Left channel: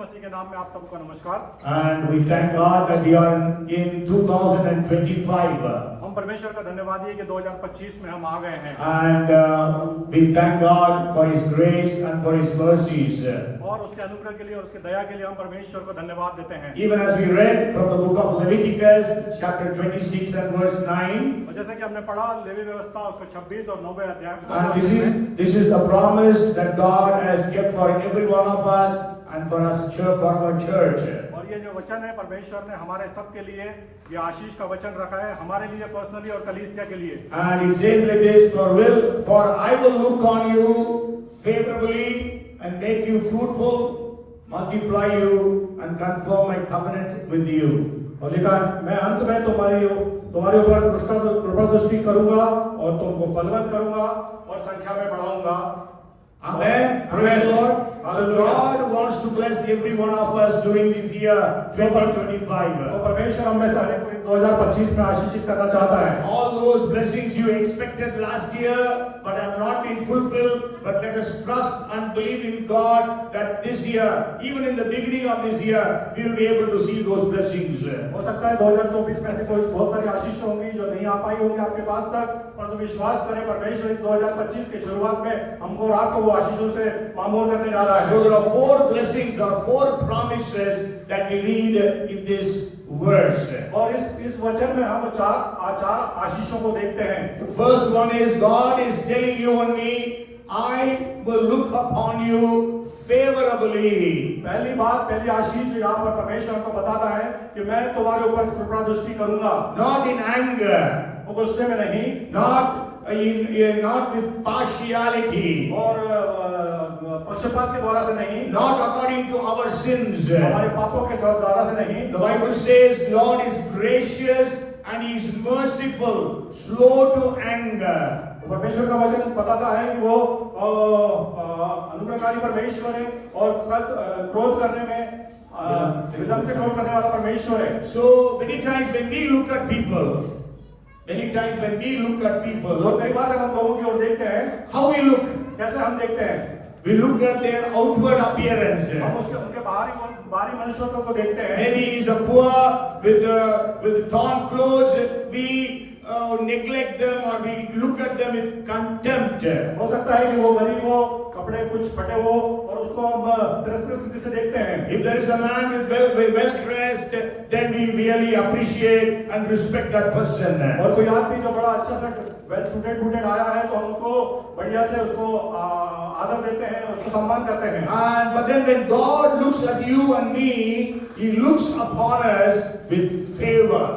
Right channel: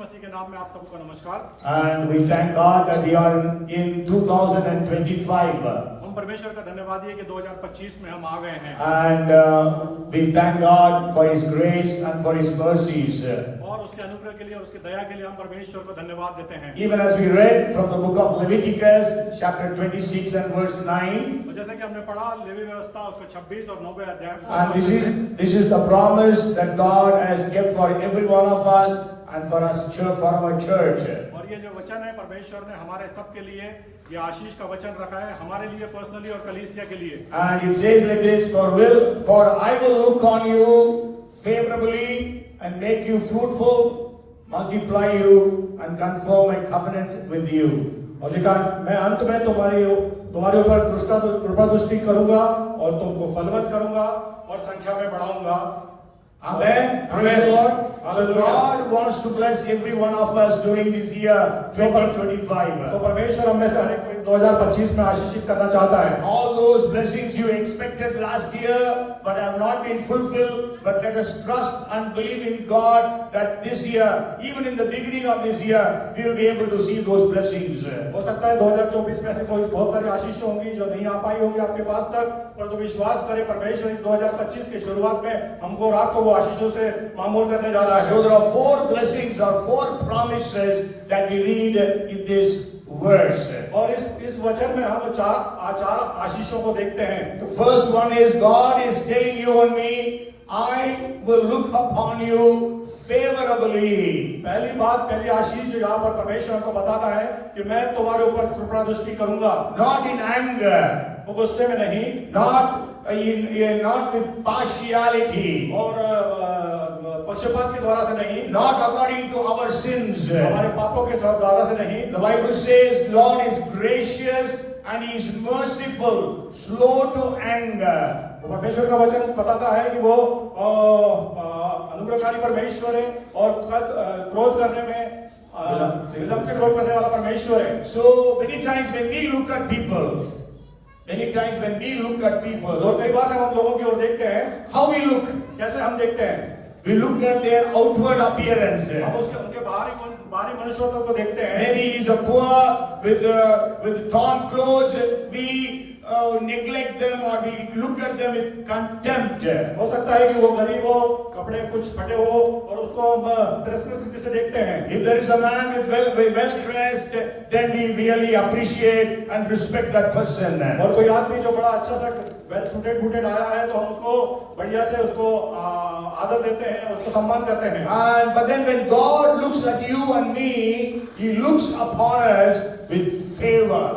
मसीह के नाम में आप सबको नमस्कार। And we thank God that we are in 2025. हम परमेश्वर का धन्यवाद है कि 2025 में हम आ गए हैं And we thank God for His grace and for His mercies. और उसके अनुग्रह के लिए और उसके दया के लिए हम परमेश्वर को धन्यवाद देते हैं। Even as we read from the book of Leviticus, chapter 26 and verse 9. और जैसा कि हमने पढ़ा लेवी व्यवस्था उसका 26 और 9वें अध्याय And this is the promise that God has kept for every one of us and for us for our church. और ये जो वचन है परमेश्वर ने हमारे सब के लिए ये आशीष का वचन रखा है, हमारे लिए पर्सनली और कलीसिया के लिए। And it says like this, for I will look on you favorably and make you fruitful, multiply you and confirm my covenant with you. और लिखा मैं अंत में तुम्हारे ऊपर कृपा दृष्टि करूंगा और तुमको फलवंत करूंगा और संख्या में बढ़ाऊंगा। Amen. Praise the Lord. So God wants to bless every one of us during this year 2025. तो परमेश्वर हम में से हर एक को 2025 में आशीषित करना चाहता है। All those blessings you expected last year but have not been fulfilled, but let us trust and believe in God that this year, even in the beginning of this year, we will be able to see those blessings. हो सकता है 2024 में ऐसे कोई बहुत सारी आशीष होंगी जो नहीं आ पाई होंगी आपके पास तक, परंतु विश्वास करें परमेश्वर 2025 की शुरुआत में हमको और आपको वो आशीषों से मामूल करने जा रहा है। So there are 4 blessings or 4 promises that we read in this verse. और इस वचन में हम चार आशीषों को देखते हैं। The first one is God is telling you and me, I will look upon you favorably. पहली आशीष जो यहाँ पर परमेश्वर हमको बताता है कि मैं तुम्हारे ऊपर कृपा दृष्टि करूंगा। Not in anger, वो गुस्से में नहीं, not with partiality, और पक्षपात के द्वारा से नहीं, not according to our sins. हमारे पापों के द्वारा से नहीं। The Bible says Lord is gracious and He is merciful, slow to anger. परमेश्वर का वचन बताता है कि वो अनुग्रहकारी परमेश्वर है और क्रोध करने में विलंब से क्रोध करने वाला परमेश्वर है। So many times when we look at people, लोग कई बार जब हम लोगों की ओर देखते हैं, how we look? कैसे हम देखते हैं? We look at their outward appearance. हम उनके बाहरी मनुष्यत्व को देखते हैं। Maybe he is a poor with torn clothes. We neglect them or we look at them with contempt. हो सकता है कि वो गरीब हो, कपड़े कुछ फटे हो और उसको हम तिरस्कृत दृष्टि से देखते हैं। If there is a man with well dressed, then we really appreciate and respect that person. और कोई आदमी जो बड़ा अच्छा सा वेल सूटेड आया है तो हम उसको बढ़िया से उसको आदर देते हैं, उसको सम्मान करते हैं। But then when God looks at you and me, He looks upon us with favor.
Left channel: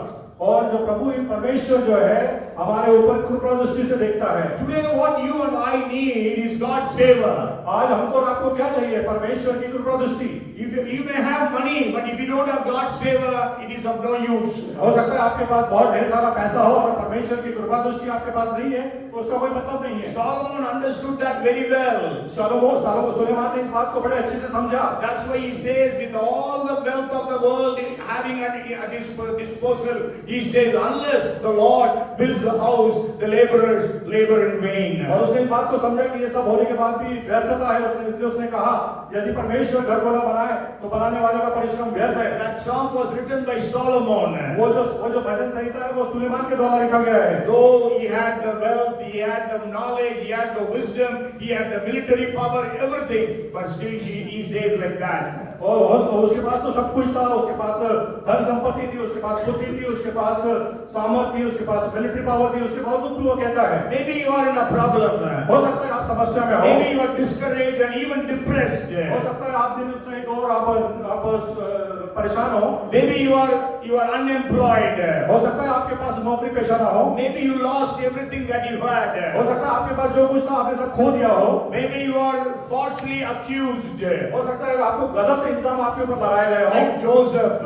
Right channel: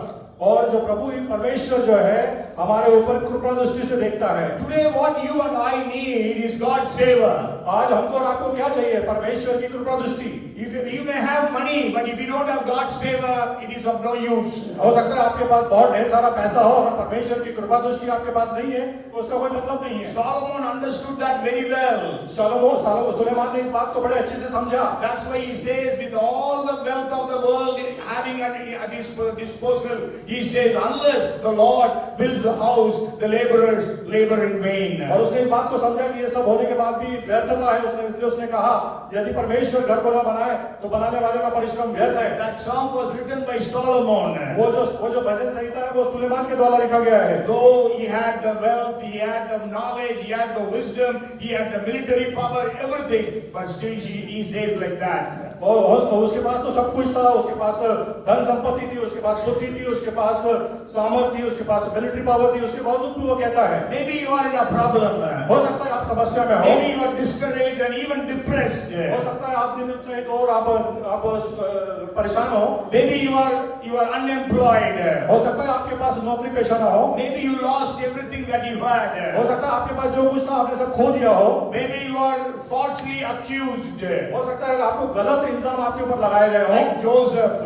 और जो प्रभु परमेश्वर जो है हमारे ऊपर कृपा दृष्टि से देखता है। Today what you and I need is God's favor. आज हमको और आपको क्या चाहिए? परमेश्वर की कृपा दृष्टि। If you may have money, but if you don't have God's favor, it is of no use. हो सकता है आपके पास बहुत ढेर सारा पैसा हो और परमेश्वर की कृपा दृष्टि आपके पास नहीं है तो उसका कोई मतलब नहीं है। Solomon understood that very well. Suleman ने इस बात को बड़े अच्छे से समझा। That's why he says, with all the wealth of the world having at his disposal, he says, unless the Lord builds the house, the laborers labor in vain. और उसने इस बात को समझा कि ये सब होने के बाद भी व्यर्थता है, इसलिए उसने कहा यदि परमेश्वर घर को न बनाए तो बनाने वाले का परिश्रम व्यर्थ है। That song was written by Solomon. वो जो भजन संहिता है वो सुलेमान के द्वारा लिखा गया है। Though he had the wealth, he had the knowledge, he had the wisdom, he had the military power, everything, but still he says like that. और उसके पास तो सब कुछ था, उसके पास धन संपत्ति थी, उसके पास बुद्धि थी, उसके पास सामर्थ्य थी, उसके पास मिलिट्री पावर थी, उसके बावजूद भी वो कहता है। Maybe you are in a problem. हो सकता है आप समस्या में हो। Maybe you are discouraged and even depressed. हो सकता है आप निरुत्साहित हो और आप परेशान हो। Maybe you are unemployed. हो सकता है आपके पास नौकरी पेशा ना हो। Maybe you lost everything that you had. हो सकता है आपके पास जो कुछ था आपने सब खो दिया हो। Maybe you are falsely accused. हो सकता है आपको गलत इल्जाम आपके ऊपर लगाए गए हो। Like Joseph.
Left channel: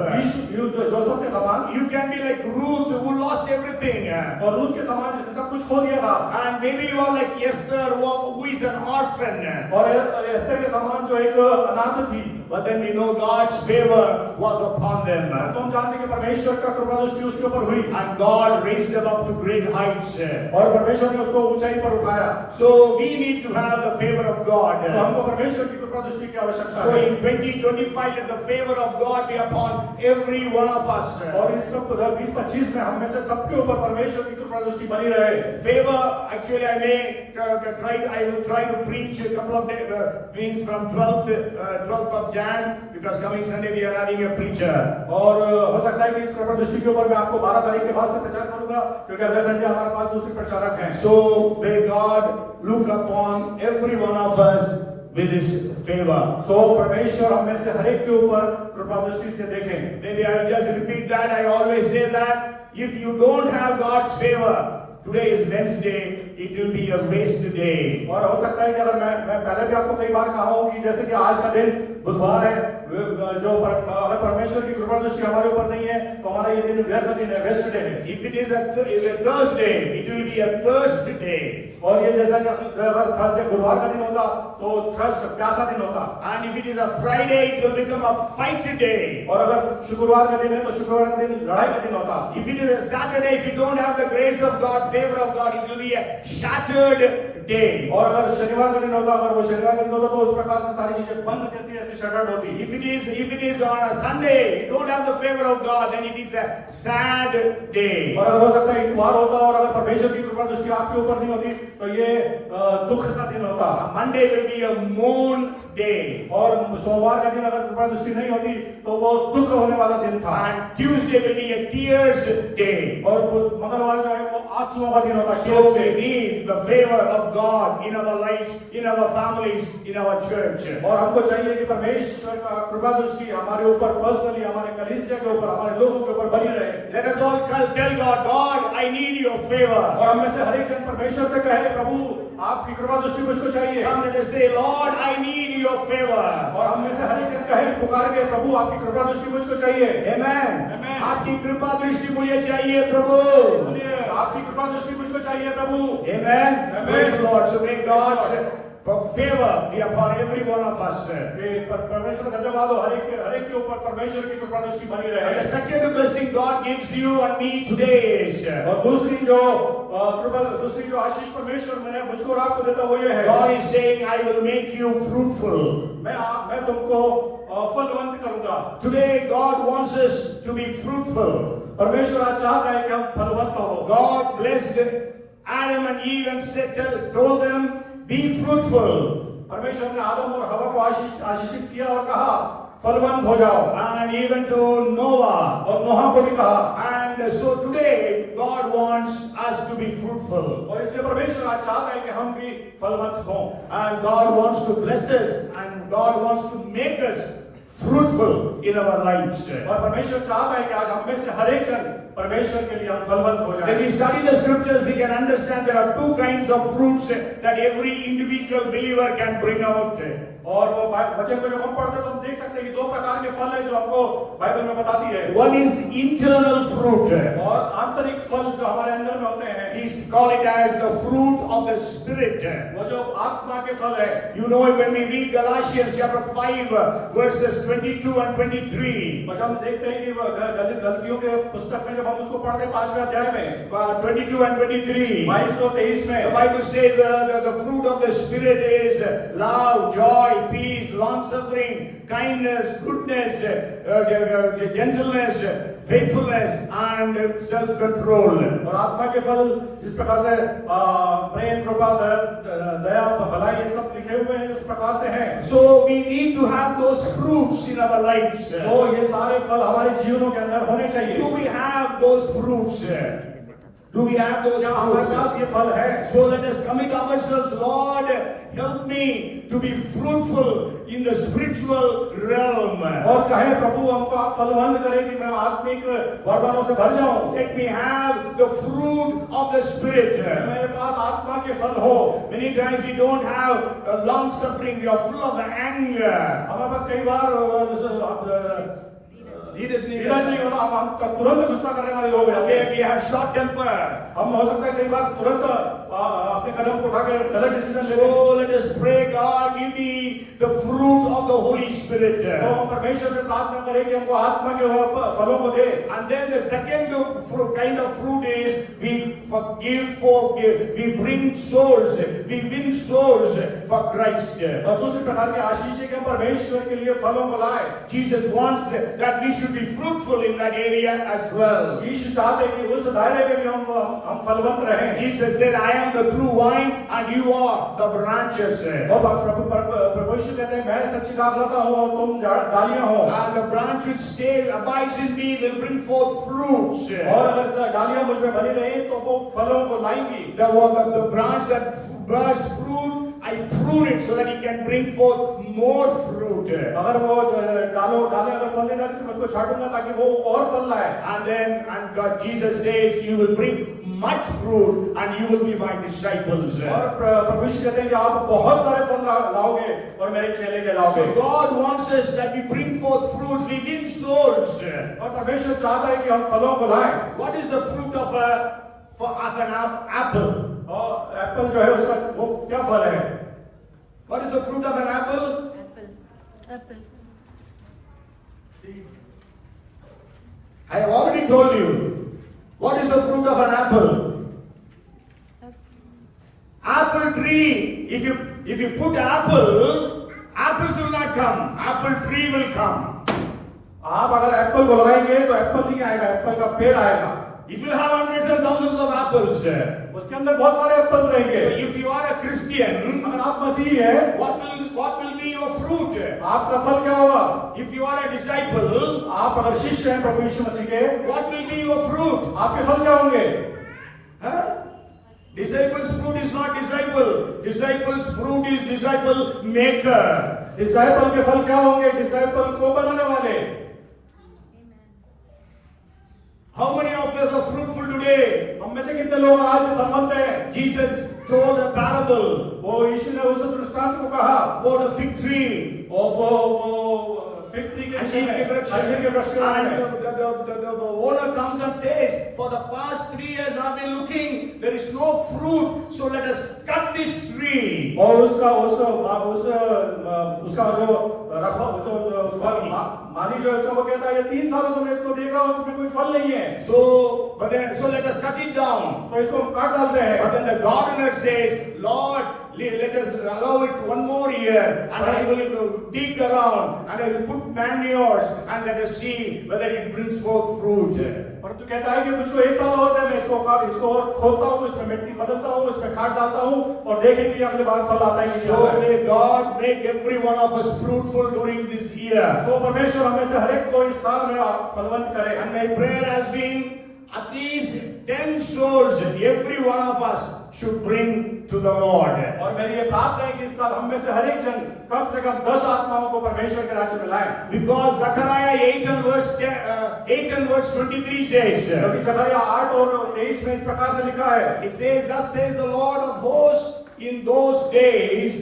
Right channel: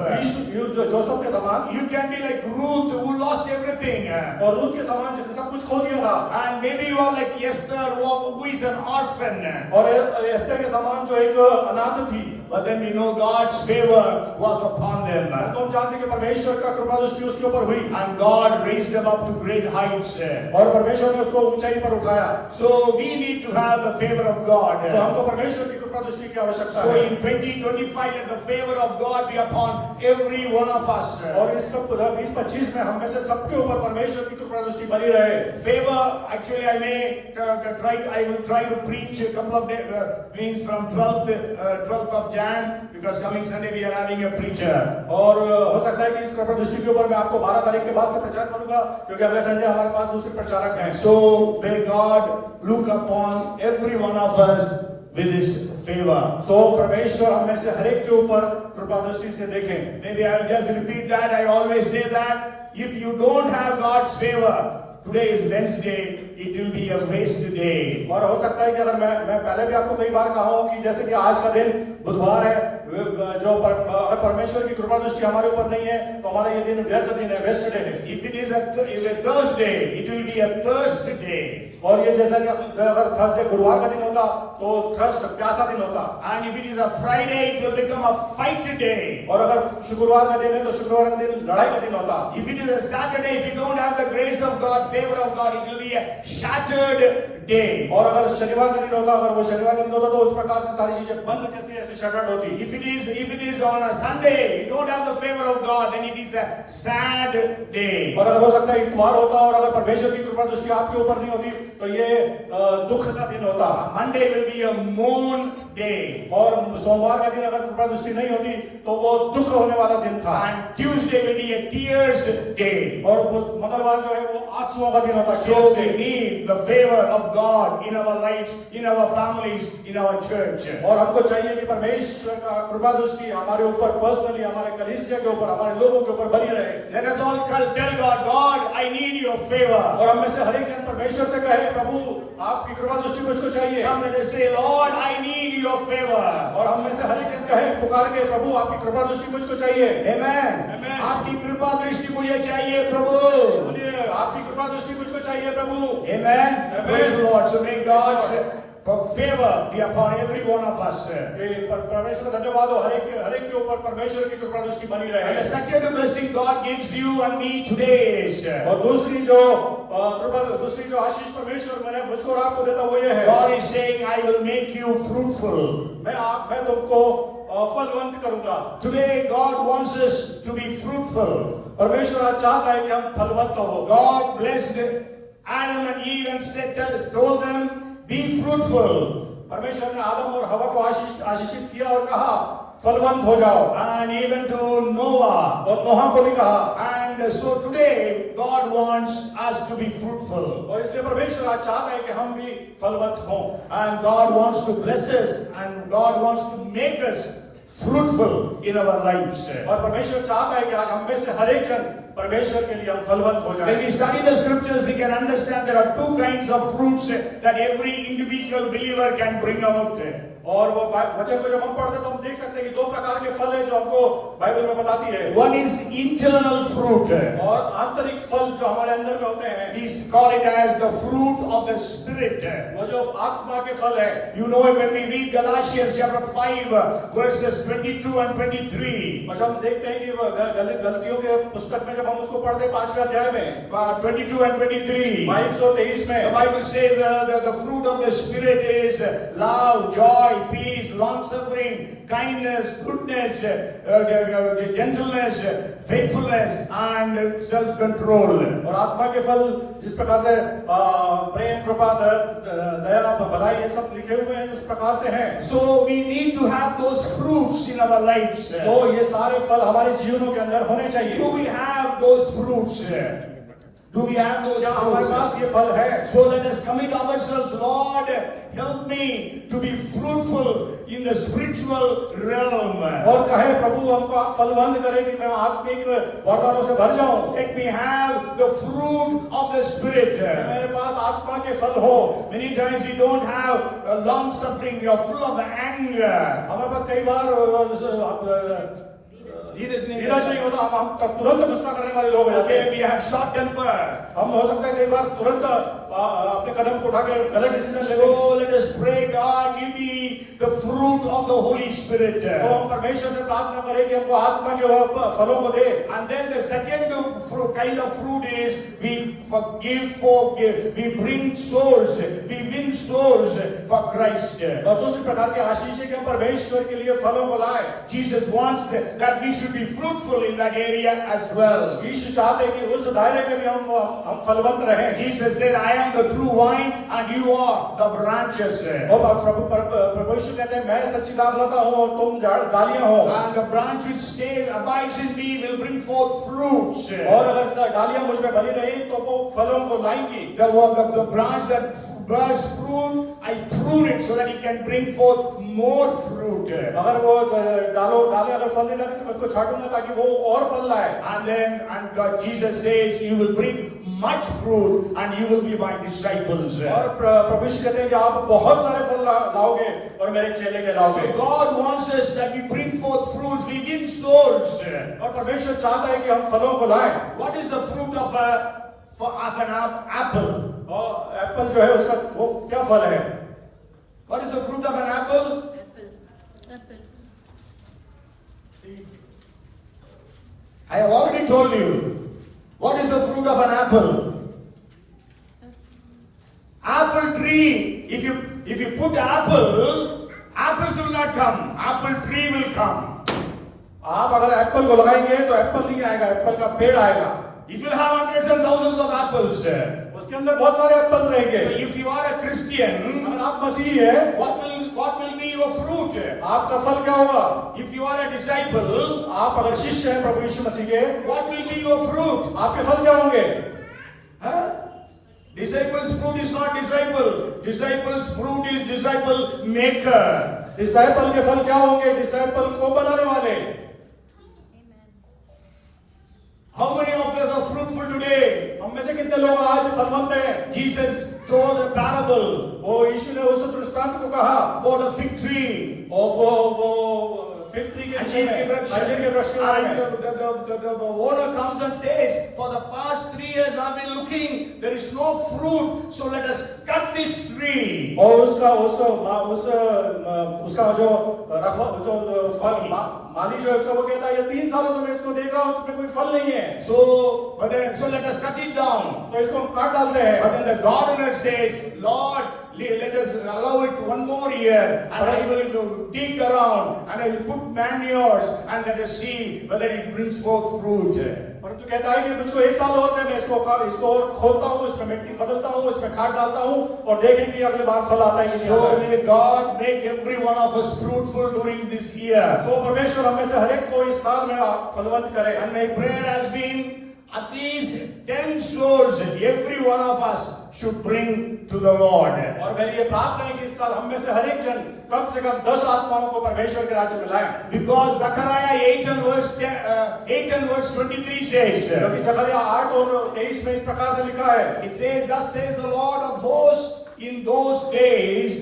जोसेफ के समान। You can be like Ruth who lost everything. और रूथ के समान जिसने सब कुछ कुछ खो दिया था। And maybe you are like Esther, who is an orphan. और एस्तर के समान जो एक अनाथ थी, But then we know God's favor was upon them. तुम जानते कि परमेश्वर का कृपा दृष्टि उसके ऊपर हुई And God raised them up to great heights. और परमेश्वर ने उसको ऊंचाई पर उठाया। So we need to have the favor of God. तो हमको परमेश्वर की कृपा दृष्टि की आवश्यकता So है। in 2025, let the favor of God be upon every one of us. और इस सब 2025 में हम में से सबके ऊपर परमेश्वर की कृपा दृष्टि बनी रहे। Favor, actually, I will try to preach a couple of days, means from 12th of Jan, because coming Sunday we are having a preacher. और हो सकता है कि इस कृपा दृष्टि के ऊपर मैं आपको 12 तारीख के बाद से प्रचार करूंगा, क्योंकि अगले संडे हमारे पास दूसरे प्रचारक हैं। So may God look upon every one of us with His favor. सो परमेश्वर हम में से हर एक के ऊपर कृपा दृष्टि से देखें। Maybe I will just repeat that. I always say that if you don't have God's favor, today is Wednesday, it will be a waste day. और हो सकता है कि अगर मैं पहले भी आपको कई बार कहा हूं कि जैसे कि आज का दिन बुधवार है, जो अगर परमेश्वर की कृपा दृष्टि हमारे ऊपर नहीं है तो हमारा ये दिन व्यर्थ दिन है, वेस्ट डे है। If it is a Thursday, it will be a thirst day. और ये जैसा कि अगर थर्सडे गुरुवार का दिन होता तो थर्स्ट प्यासा दिन होता। And if it is a Friday, it will become a fight day. और अगर शुक्रवार का दिन है तो शुक्रवार का दिन लड़ाई का दिन होता। If it is a Saturday, if you don't have the grace of God, favor of God, it will be a shattered day. और अगर शनिवार का दिन होता, अगर वो शनिवार का दिन होता तो उस प्रकार से सारी चीजें बंद जैसी ऐसी शटर्ड होती। If it is on a Sunday, you don't have the favor of God, then it is a sad day. और अगर हो सकता है इतवार होता और अगर परमेश्वर की कृपा दृष्टि आपके ऊपर नहीं होती तो ये दुख का दिन होता। Monday will be a mourn day. और सोमवार का दिन अगर कृपा दृष्टि नहीं होती तो वो दुख होने वाला दिन था। And Tuesday will be a tears day. और मंगलवार जो है वो आंसुओं का दिन होता है। So we need the favor of God in our lives, in our families, in our church. और हमको चाहिए कि परमेश्वर का कृपा दृष्टि हमारे ऊपर पर्सनली, हमारे कलीसिया के ऊपर, हमारे लोगों के ऊपर बनी रहे। Let us all tell God, God, I need your favor. और हम में से हर एक जन परमेश्वर से कहे, प्रभु आपकी कृपा दृष्टि मुझको चाहिए। Come, let us say, Lord, I need your favor. और हम में से हर एक जन कहे, पुकार के, प्रभु आपकी कृपा दृष्टि मुझको चाहिए। Amen. Amen. आपकी कृपा दृष्टि मुझे चाहिए प्रभु। बोलिए आपकी कृपा दृष्टि मुझको चाहिए प्रभु। Amen. Amen. Praise the Lord. So may God's favor be upon every one of us. परमेश्वर धन्यवाद हो, हर एक के ऊपर परमेश्वर की कृपा दृष्टि बनी रहे। And the second blessing God gives you and me today is, और दूसरी जो आशीष परमेश्वर मैंने मुझको और आपको देता वो ये है, God is saying, I will make you fruitful. मैं तुमको फलवंत करूंगा। Today God wants us to be fruitful. परमेश्वर आज चाहता है कि हम फलवंत हो। God blessed Adam and Eve and told them, be fruitful. परमेश्वर ने आदम और हवा को आशीषित किया और कहा फलवंत हो जाओ। And even to Noah. और नोहा को भी कहा। And so today God wants us to be fruitful. और इसलिए परमेश्वर आज चाहता है कि हम भी फलवंत हों। And God wants to bless us and God wants to make us fruitful in our lives. और परमेश्वर चाहता है कि आज हम में से हर एक जन परमेश्वर के लिए हम फलवंत हो जाएं। When we study the scriptures, we can understand there are two kinds of fruits that every individual believer can bring out. और वो वचन को जब हम पढ़ते हैं तो हम देख सकते हैं कि दो प्रकार के फल है जो हमको बाइबल में बताती है। One is internal fruit. और आंतरिक फल जो हमारे अंदर में होते हैं, We call it as the fruit of the Spirit. वो जो आत्मा के फल है। You know when we read Galatians chapter 5 verses 22 and 23. बस हम देखते हैं कि गलतियों के पुस्तक में जब हम उसको पढ़ते हैं 5वें अध्याय में 22 and 23. 22 और 23 में The Bible says the fruit of the Spirit is love, joy, peace, long-suffering, kindness, goodness, gentleness, faithfulness, and self-control. और आत्मा के फल जिस प्रकार से प्रेम, कृपा, दया, भलाई ये सब लिखे हुए हैं उस प्रकार से हैं। So we need to have those fruits in our lives. तो ये सारे फल हमारे जीवनों के अंदर होने चाहिए। Do we have those fruits? Do we have those क्या हमारे पास fruits? ये फल है? So let us commit ourselves, Lord, help me to be fruitful in the spiritual realm. और कहे प्रभु हमको आप फलवंत करें कि मैं आत्मिक वरदानों से भर जाऊं। Let me have the fruit of the Spirit. मेरे पास आत्मा के फल हो। Many times we don't have long suffering, we are full of anger. हमारे पास कई बार धीरज नहीं होता, हम तुरंत गुस्सा करने वाले लोग रहते Okay, हैं। we have short temper. हम हो सकता है कई बार तुरंत अपने कदम को उठा के गलत डिसीजन ले लें। So let us pray, God, give me the fruit of the Holy Spirit. तो हम परमेश्वर से प्रार्थना करें कि हमको आत्मा के फलों को दे। And then the second kind of fruit is we forgive, we bring souls, we win souls for Christ. और दूसरी प्रकार की आशीष है कि हम परमेश्वर के लिए फलों को लाए। Jesus wants that we should be fruitful in that area as well. यीशु चाहते हैं कि उस दायरे में भी हम फलवंत रहें। Jesus said, I am the true vine and you are the branches. और प्रभु यीशु कहते हैं मैं सच्ची दाखलता हूँ और तुम डालियां हो। And the branch which stays, abides in me will bring forth fruits. और अगर डालियां मुझ में बनी रही तो वो फलों को लाएंगी। The branch that bears fruit, I prune it so that it can bring forth more fruit. अगर वो डालें अगर फल देना तो मैं उसको छाटूंगा ताकि वो और फल लाए। And God, Jesus says, you will bring much fruit and you will be my disciples. और प्रभु यीशु कहते हैं कि आप बहुत सारे फल लाओगे और मेरे चेले कहलाओगे। So God wants us that we bring forth fruits, we win souls. और परमेश्वर चाहता है कि हम फलों को लाएं। What is the fruit of an apple? और एप्पल जो है उसका वो क्या फल है? What is the fruit of an apple? Apple. I have already told you. What is the fruit of an apple? Apple tree. If you put apple, apples will not come. Apple tree will come. आप अगर एप्पल को लगाएंगे तो एप्पल नहीं आएगा, एप्पल का पेड़ आएगा। It will have hundreds and thousands of apples. उसके अंदर बहुत सारे एप्पल्स रहेंगे। So if you are a Christian, अगर आप मसीही हैं, what will be your fruit? आपका फल क्या होगा? If you are a disciple, आप अगर शिष्य हैं प्रभु यीशु मसीह के, what will be your fruit? आपके फल क्या होंगे? Huh? Disciples' fruit is not disciple. Disciples' fruit is disciple maker. Disciple के फल क्या होंगे? डिसाइपल को बनाने वाले। How many of us are fruitful today? हम में से कितने लोग आज फलवंत हैं? Jesus told a parable वो यीशु ने उस दृष्टांत को कहा about a fig tree. और वो फिग ट्री के अंजीर के वृक्ष. अंजीर के वृक्ष के बारे And में। the owner comes and says, for the past 3 years I've been looking, there is no fruit, so let us cut this tree. और उसका जो माली जो है उसको वो कहता है ये 3 सालों से मैं इसको देख रहा हूँ उसमें कोई फल नहीं है। So let us cut it down. तो इसको हम काट डालते हैं। But then the gardener says, Lord, let us allow it 1 more year, and I will dig around and I will put manures and let us see whether it brings forth fruit. परंतु कहता है कि मुझको 1 साल और दे, मैं इसको और खोदता हूँ, इसमें मिट्टी बदलता हूँ, इसमें खाद डालता हूँ और देखेंगे अगले बार फल आता है कि नहीं So आता है। may God make every one of us fruitful during this year. सो परमेश्वर हमें से हर एक को इस साल में फलवंत करे। And my prayer has been at least 10 souls every one of us should bring to the Lord. और मेरी ये प्रार्थना है कि इस साल हम में से हर एक जन कम से कम 10 आत्माओं को परमेश्वर के राज्य में लाएं। Because Zechariah 8 and verse 23 says, क्योंकि जकरिया 8 और 23 में इस प्रकार से लिखा है, it says, thus says the Lord of hosts, in those days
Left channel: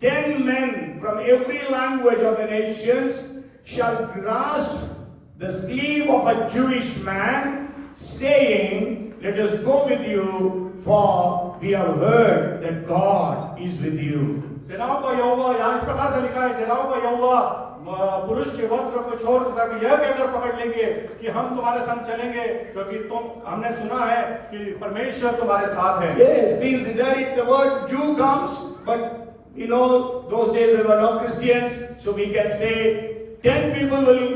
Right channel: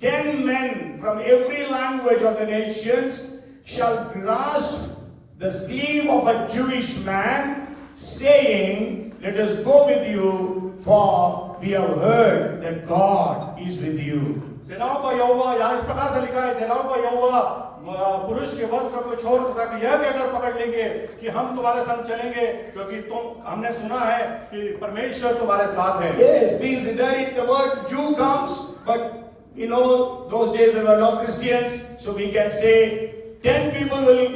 10 men from every language of the nations shall grasp the sleeve of a Jewish man, saying, let us go with you, for we have heard that God is with you. सेनाओं का यहोवा, यहाँ इस प्रकार से लिखा है, सेनाओं का यहोवा पुरुष के वस्त्र को छोड़ तक यह कहकर पकड़ लेंगे कि हम तुम्हारे संग चलेंगे, क्योंकि हमने सुना है कि परमेश्वर तुम्हारे साथ है। Yes, means there the word Jew comes, but you know those days we were not Christians, so we can say 10 people will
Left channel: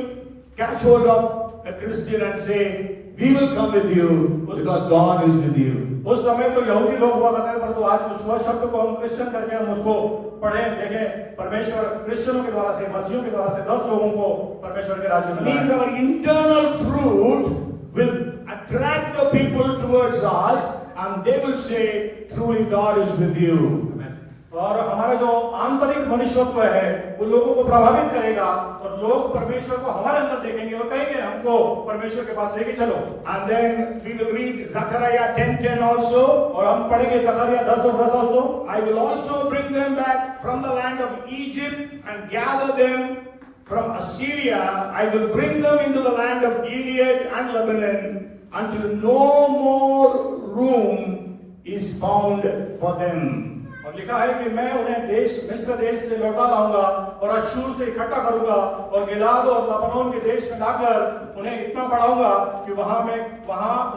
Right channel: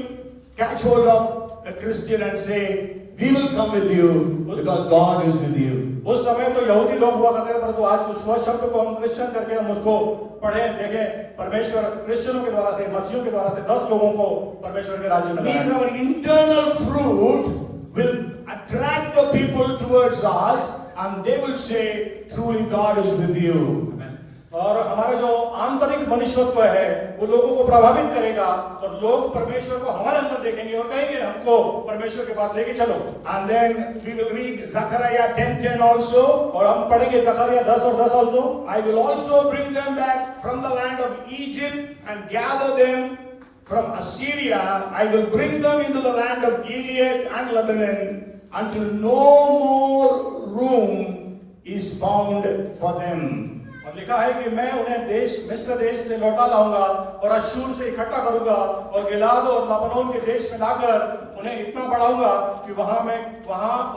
catch hold of a Christian and say, we will come with you because God is with you. उस समय तो यहूदी लोग हुआ करते थे, परंतु आज उस शब्द को हम क्रिश्चियन करके हम उसको पढ़े देखें, परमेश्वर क्रिश्चियनों के द्वारा से, मसीहियों के द्वारा से 10 लोगों को परमेश्वर के राज्य में लाए। Means our internal fruit will attract the people towards us, and they will say, truly God is with you. और हमारा जो आंतरिक मनुष्यत्व है वो लोगों को प्रभावित करेगा और लोग परमेश्वर को हमारे अंदर देखेंगे और कहेंगे हमको परमेश्वर के पास लेके चलो। And then we will read Zechariah 10:10 also. और हम पढ़ेंगे जकरिया 10 और 10 also। I will also bring them back from the land of Egypt and gather them from Assyria, I will bring them into the land of Gilead and Lebanon until no more room is found for them. और लिखा है कि मैं उन्हें मिस्र देश से लौटा लाऊंगा और अश्शूर से इकट्ठा करूंगा और गिलाद और लबानोन के देश में लाकर उन्हें इतना बढ़ाऊंगा कि वहां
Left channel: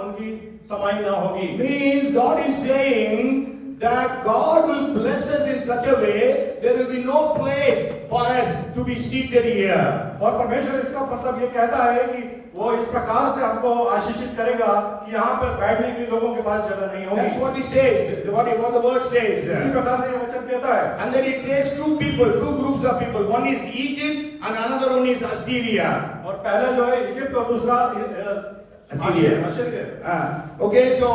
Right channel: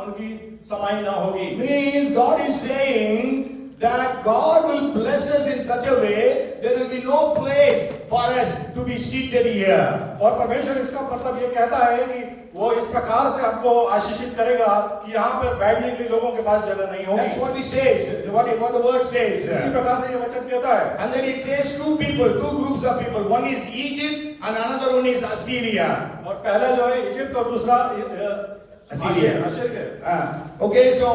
उनकी समाई ना होगी. Means God is saying that God will bless us in such a way there will be no place for us to be seated here. और परमेश्वर इसका मतलब ये कहता है कि वो इस प्रकार से हमको आशीषित करेगा कि यहाँ पर बैठने के लिए लोगों के पास जगह नहीं होगी. That's what he says, what the word says. इसी प्रकार से ये वचन कहता है. And then it says two groups of people. One is Egypt and another one is Assyria. और पहला जो है इजिप्ट और दूसरा Assyria. Okay, so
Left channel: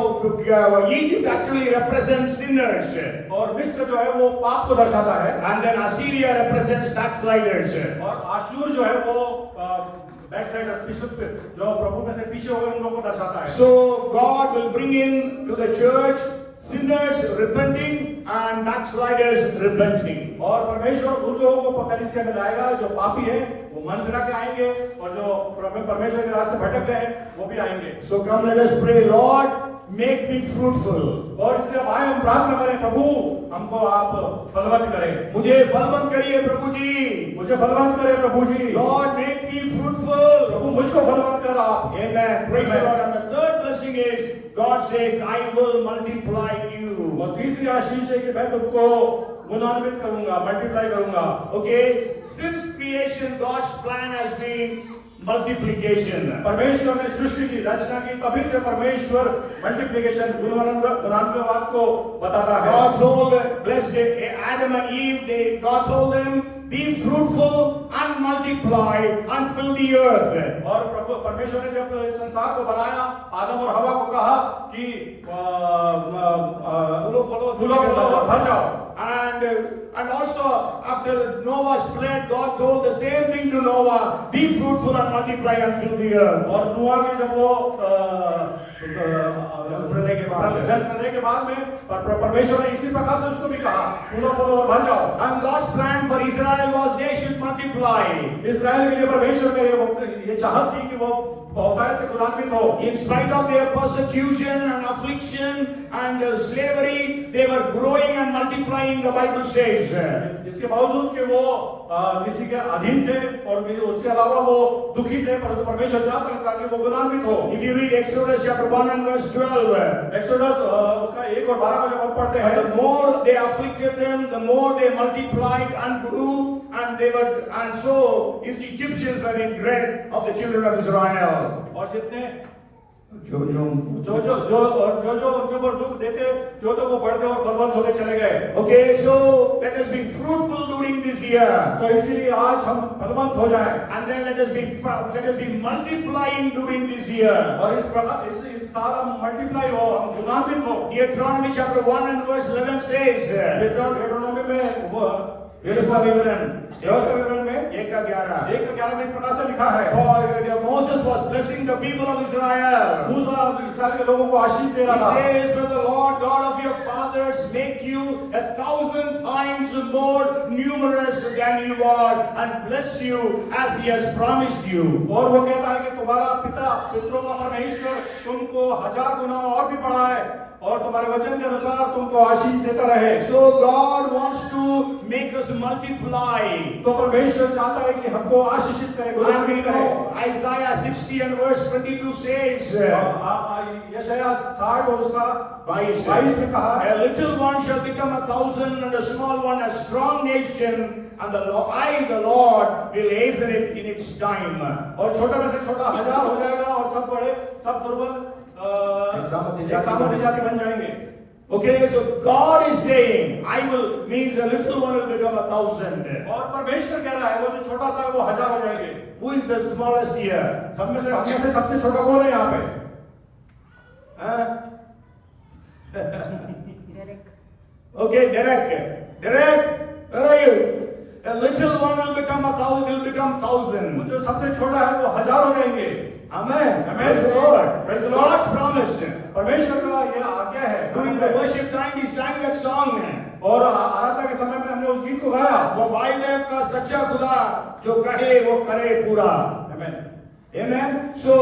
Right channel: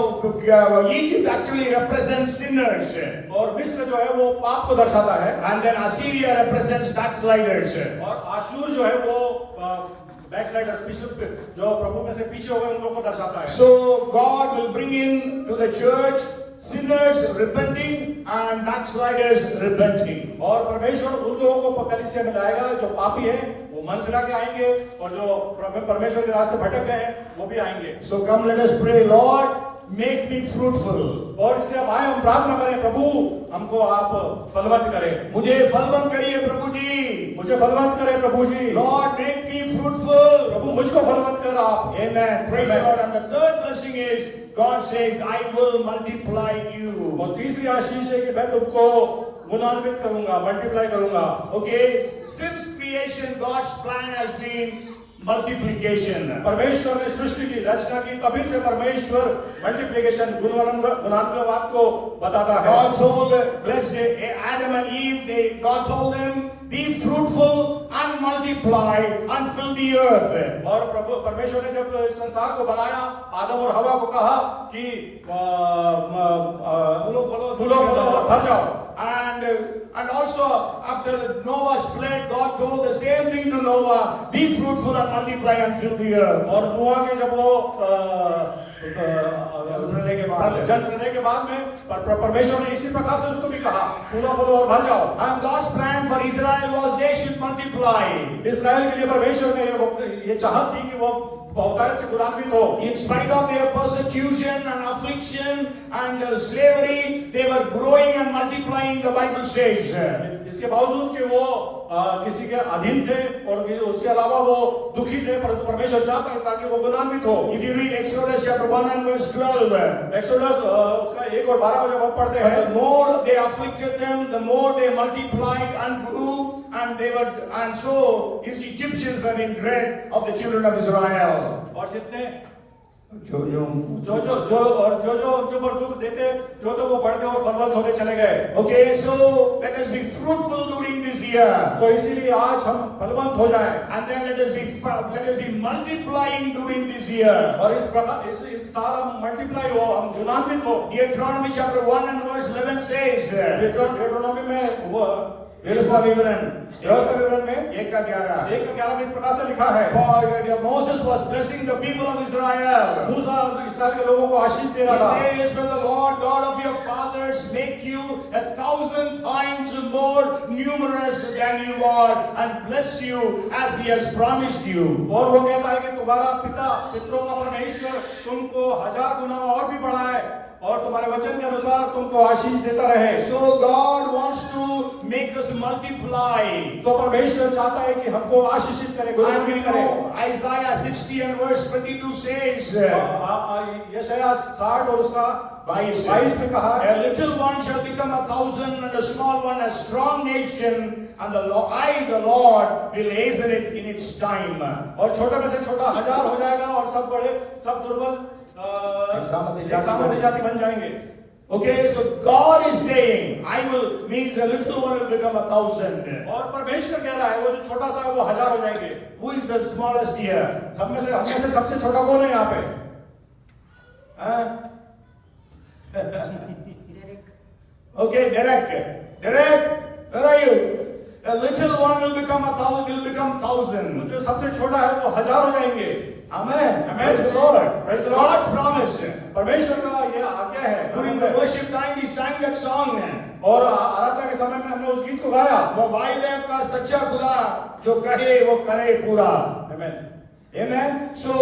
Egypt actually represents sinners. और मिस्र जो है वो पाप को दर्शाता है. And then Assyria represents backsliders. और आशूर जो है वो backsliders, जो प्रभु में से पीछे हो गए उन लोगों को दर्शाता है. So God will bring in to the church sinners repenting and backsliders repenting. और परमेश्वर उन लोगों को कलीसिया में लाएगा जो पापी हैं वो मन फिरा के आएंगे और जो परमेश्वर के रास्ते भटक गए हैं वो भी आएंगे. So come, let us pray. Lord, make me fruitful. और इसलिए अब आए हम प्रार्थना करें, प्रभु हमको आप फलवंत करें. मुझे फलवंत करिए प्रभु जी. मुझे फलवंत करें प्रभु जी. Lord, make me fruitful. प्रभु मुझको फलवंत कर आप. Amen. Praise the Lord. And the third blessing is God says, I will multiply you. और तीसरी आशीष है कि मैं तुमको गुणान्वित करूंगा, मल्टीप्लाई करूंगा. Okay, since creation God's plan has been multiplication. परमेश्वर ने सृष्टि की रचना की, तभी से परमेश्वर मल्टीप्लिकेशन गुणान्वित को बताता है. God told blessed Adam and Eve, God told them, be fruitful and multiply and fill the earth. और प्रभु परमेश्वर ने जब संसार को बनाया, आदम और हवा को कहा कि फूलो और भर जाओ. And also after Noah's flood, God told the same thing to Noah, be fruitful and multiply and fill the earth. और नूह के जब वो जल प्रलय के बाद में परमेश्वर ने इसी प्रकार से उसको भी कहा, फूलो और भर जाओ. And God's plan for Israel was they should multiply. इस्राएल के लिए परमेश्वर ने ये चाहत थी कि वो बहुतायत से गुणान्वित हो. In spite of their persecution and affliction and slavery, they were growing and multiplying, the Bible says. इसके बावजूद कि वो किसी के अधीन थे और उसके अलावा वो दुखी थे, परंतु परमेश्वर चाहता है ताकि वो गुणान्वित हो. If you read Exodus chapter 1 and verse 12, एक्सोडस उसका 1 और 12 में जब हम पढ़ते हैं, the more they afflicted them, the more they multiplied and grew, and so his Egyptians were in dread of the children of Israel. और जितने जो जो उनके ऊपर दुख देते, जो तो वो बढ़ते और फलवंत होते चले गए. Okay, so let us be fruitful during this year. तो इसीलिए आज हम फलवंत हो जाएं. And then let us be multiplying during this year. और इस प्रकार इस सारा मल्टीप्लाई हो, हम गुणान्वित हो. Deuteronomy chapter 1 and verse 11 says, deuteronomy में वो व्यवस्था विवरण में 1:11 में इस प्रकार से लिखा है. For Moses was blessing the people of Israel. मूसा इस्राएल के लोगों को आशीष दे रहा He था. says, "Will the Lord God of your fathers make you 1,000 times more numerous than you are, and bless you as He has promised you." और वो कहता है कि तुम्हारा पितरों का परमेश्वर तुमको 1000 गुना और भी बढ़ाए और तुम्हारे वचन के अनुसार तुमको आशीष देता रहे. So God wants to make us multiply. तो परमेश्वर चाहता है कि हमको आशीषित करे, And we know Isaiah 60 and verse 22 says, यशायाह 60 और उसका 22 में कहा, a little one shall become 1,000 and a small one a strong nation, and the Lord will hasten it in its time. और छोटे में से छोटा 1000 हो जाएगा और सब बड़े सब दुर्बल एक सामर्थ्य जाति बन जाएंगे. Okay, so God is saying, I will, means a little one will become 1,000. और परमेश्वर कह रहा है वो जो छोटा सा है वो 1000 हो जाएंगे. Who is the smallest here? हम में से सबसे छोटा कौन है यहाँ पे? Okay, Derek, where are you? A little one will become 1,000, will become 1,000. वो जो सबसे छोटा है वो 1000 हो जाएंगे. Amen. Amen. Praise the Lord. Praise the Lord. God's promise. परमेश्वर का यह आज्ञा है। During the worship time, we sang that song. और आराधना के समय में हमने उस गीत को गाया। वो वायदे का सच्चा खुदा जो कहे वो करे पूरा। आमीन। Amen. So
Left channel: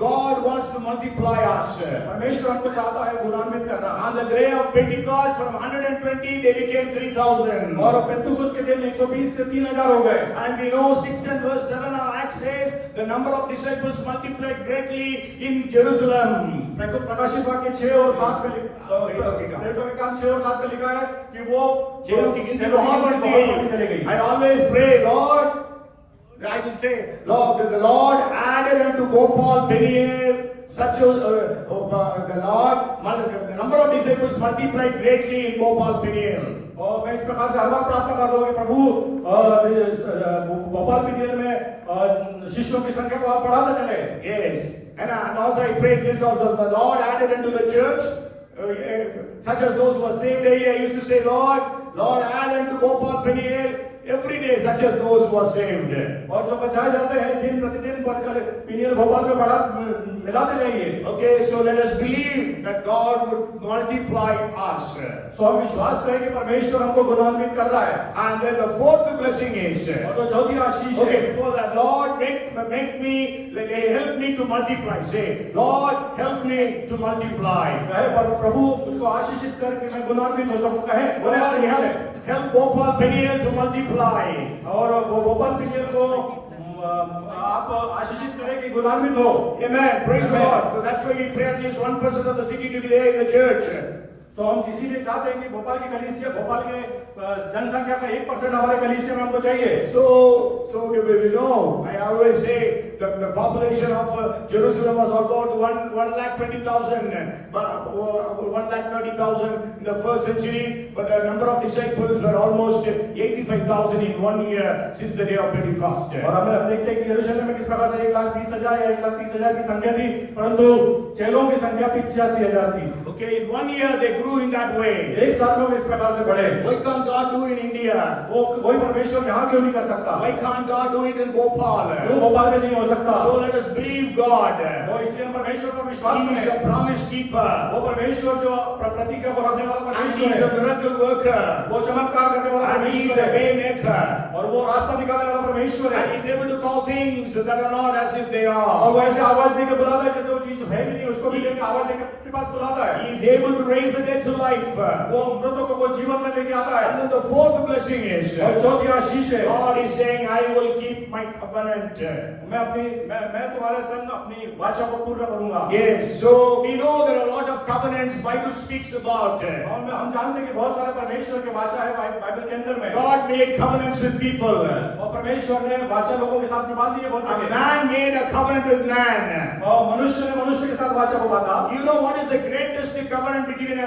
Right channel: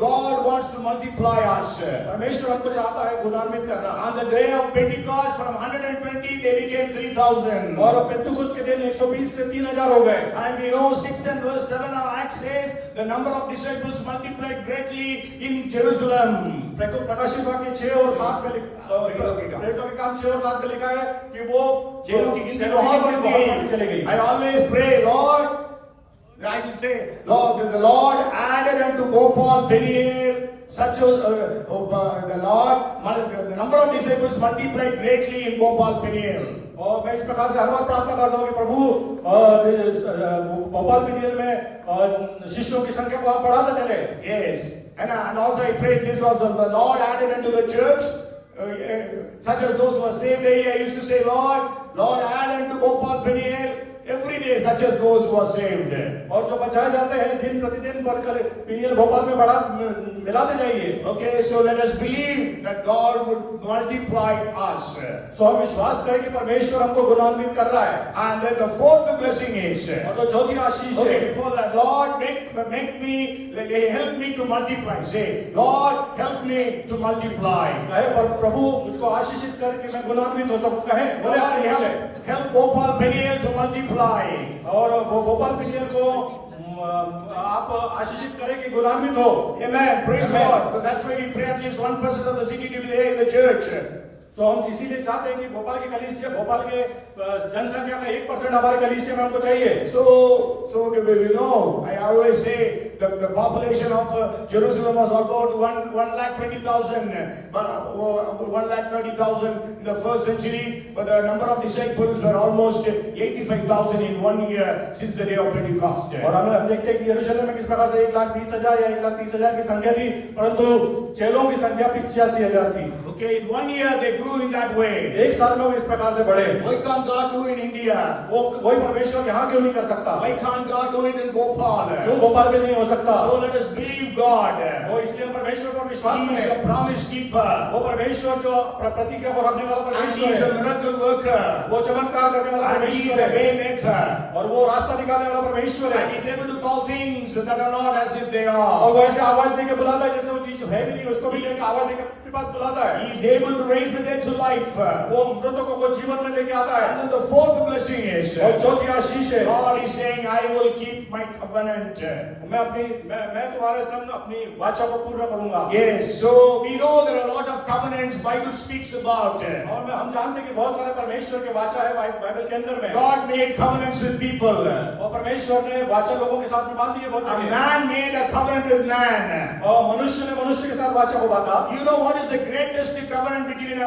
God wants to multiply us. परमेश्वर हमको चाहता है गुणान्वित करना। On the day of Pentecost, from 120 they became 3,000. और पेंतुकुस्त के दिन 120 से 3,000 हो गए। And we know 6 and verse 7 of Acts says the number of disciples multiplied greatly in Jerusalem. प्रकाशित वाक्य 6 और 7 में प्रेरितों के काम 6 और 7 में लिखा है कि वो जेलों की गिनती बहुत बढ़ती चली गई। I always pray, Lord, I will say, Lord, the Lord added unto Gopal Peniel such a, the number of disciples multiplied greatly in Gopal Peniel. और मैं इस प्रकार से हर बार प्रार्थना करता हूँ कि प्रभु भोपाल पिनियल में शिष्यों की संख्या को आप बढ़ाते चले। Yes, and also I prayed this also. The Lord added unto the church such as those who were saved. Daily I used to say, Lord, add unto Gopal Peniel every day such as those who are saved. और जो बचाए जाते हैं दिन प्रतिदिन बढ़कर पिनियल भोपाल में बढ़ा मिलाते जाइए। Okay, so let us believe that God would multiply us. सो हम विश्वास करें कि परमेश्वर हमको गुणान्वित कर रहा है। And then the fourth blessing is, और तो चौथी आशीष है। okay, before that, Lord, make me, help me to multiply. Say, Lord, help me to multiply. कहे प्रभु मुझको आशीषित कर कि मैं गुणान्वित हो सकूं। कहे बोले Lord, help Gopal Peniel to multiply. और वो भोपाल पिनियल को आप आशीषित करें कि गुणान्वित हो। Amen. Praise the Lord. So that's why we pray at least 1% of the city to be there in the church. तो हम इसीलिए चाहते हैं कि भोपाल की कलीसिया, भोपाल के जनसंख्या का 1% हमारे कलीसिया में हमको चाहिए। So we know, I always say the population of Jerusalem was about 1,20,000, 1,30,000 in the first century, but the number of disciples were almost 85,000 in 1 year since the day of Pentecost. और हम देखते हैं कि यरूशलेम में किस प्रकार से 1,20,000 या 1,30,000 की संख्या थी, परंतु चेलों की संख्या 85,000 थी। Okay, in 1 year they grew in that way. एक साल में वो इस प्रकार से बढ़े। Why can't God do it in India? वही परमेश्वर यहाँ क्यों नहीं कर सकता? Why can't God do it in Bhopal? क्यों भोपाल में नहीं हो सकता? So let us believe God. वो इसलिए हम परमेश्वर पर विश्वास He is करें। a promise keeper. वो परमेश्वर जो प्रतिज्ञा को रखने वाला And He परमेश्वर is a है। miracle worker. वो चमत्कार करने वाला And He is परमेश्वर a है। way maker. और वो रास्ता निकालने वाला परमेश्वर And है। He is able to call things that are not as if they और are. वो ऐसे आवाज देके बुलाता है जैसे वो चीज है भी नहीं, उसको भी लेके आवाज देके अपने पास बुलाता है। He is able to raise the dead to life. वो मृतकों को जीवन में लेके आता है। And then the fourth blessing is, और चौथी आशीष है, God is saying, I will keep my covenant. मैं तुम्हारे संग अपनी वाचा को पूर्ण करूंगा। Yes, so we know there are a lot of covenants Bible speaks about. और हम जानते हैं कि बहुत सारे परमेश्वर के वाचा है बाइबल के अंदर में। God made covenants with people. और परमेश्वर ने वाचा लोगों के साथ में बांधी है बहुत A जगह। man made a covenant with man. और मनुष्य ने मनुष्य के साथ वाचा को बांधा। You know what is the greatest covenant between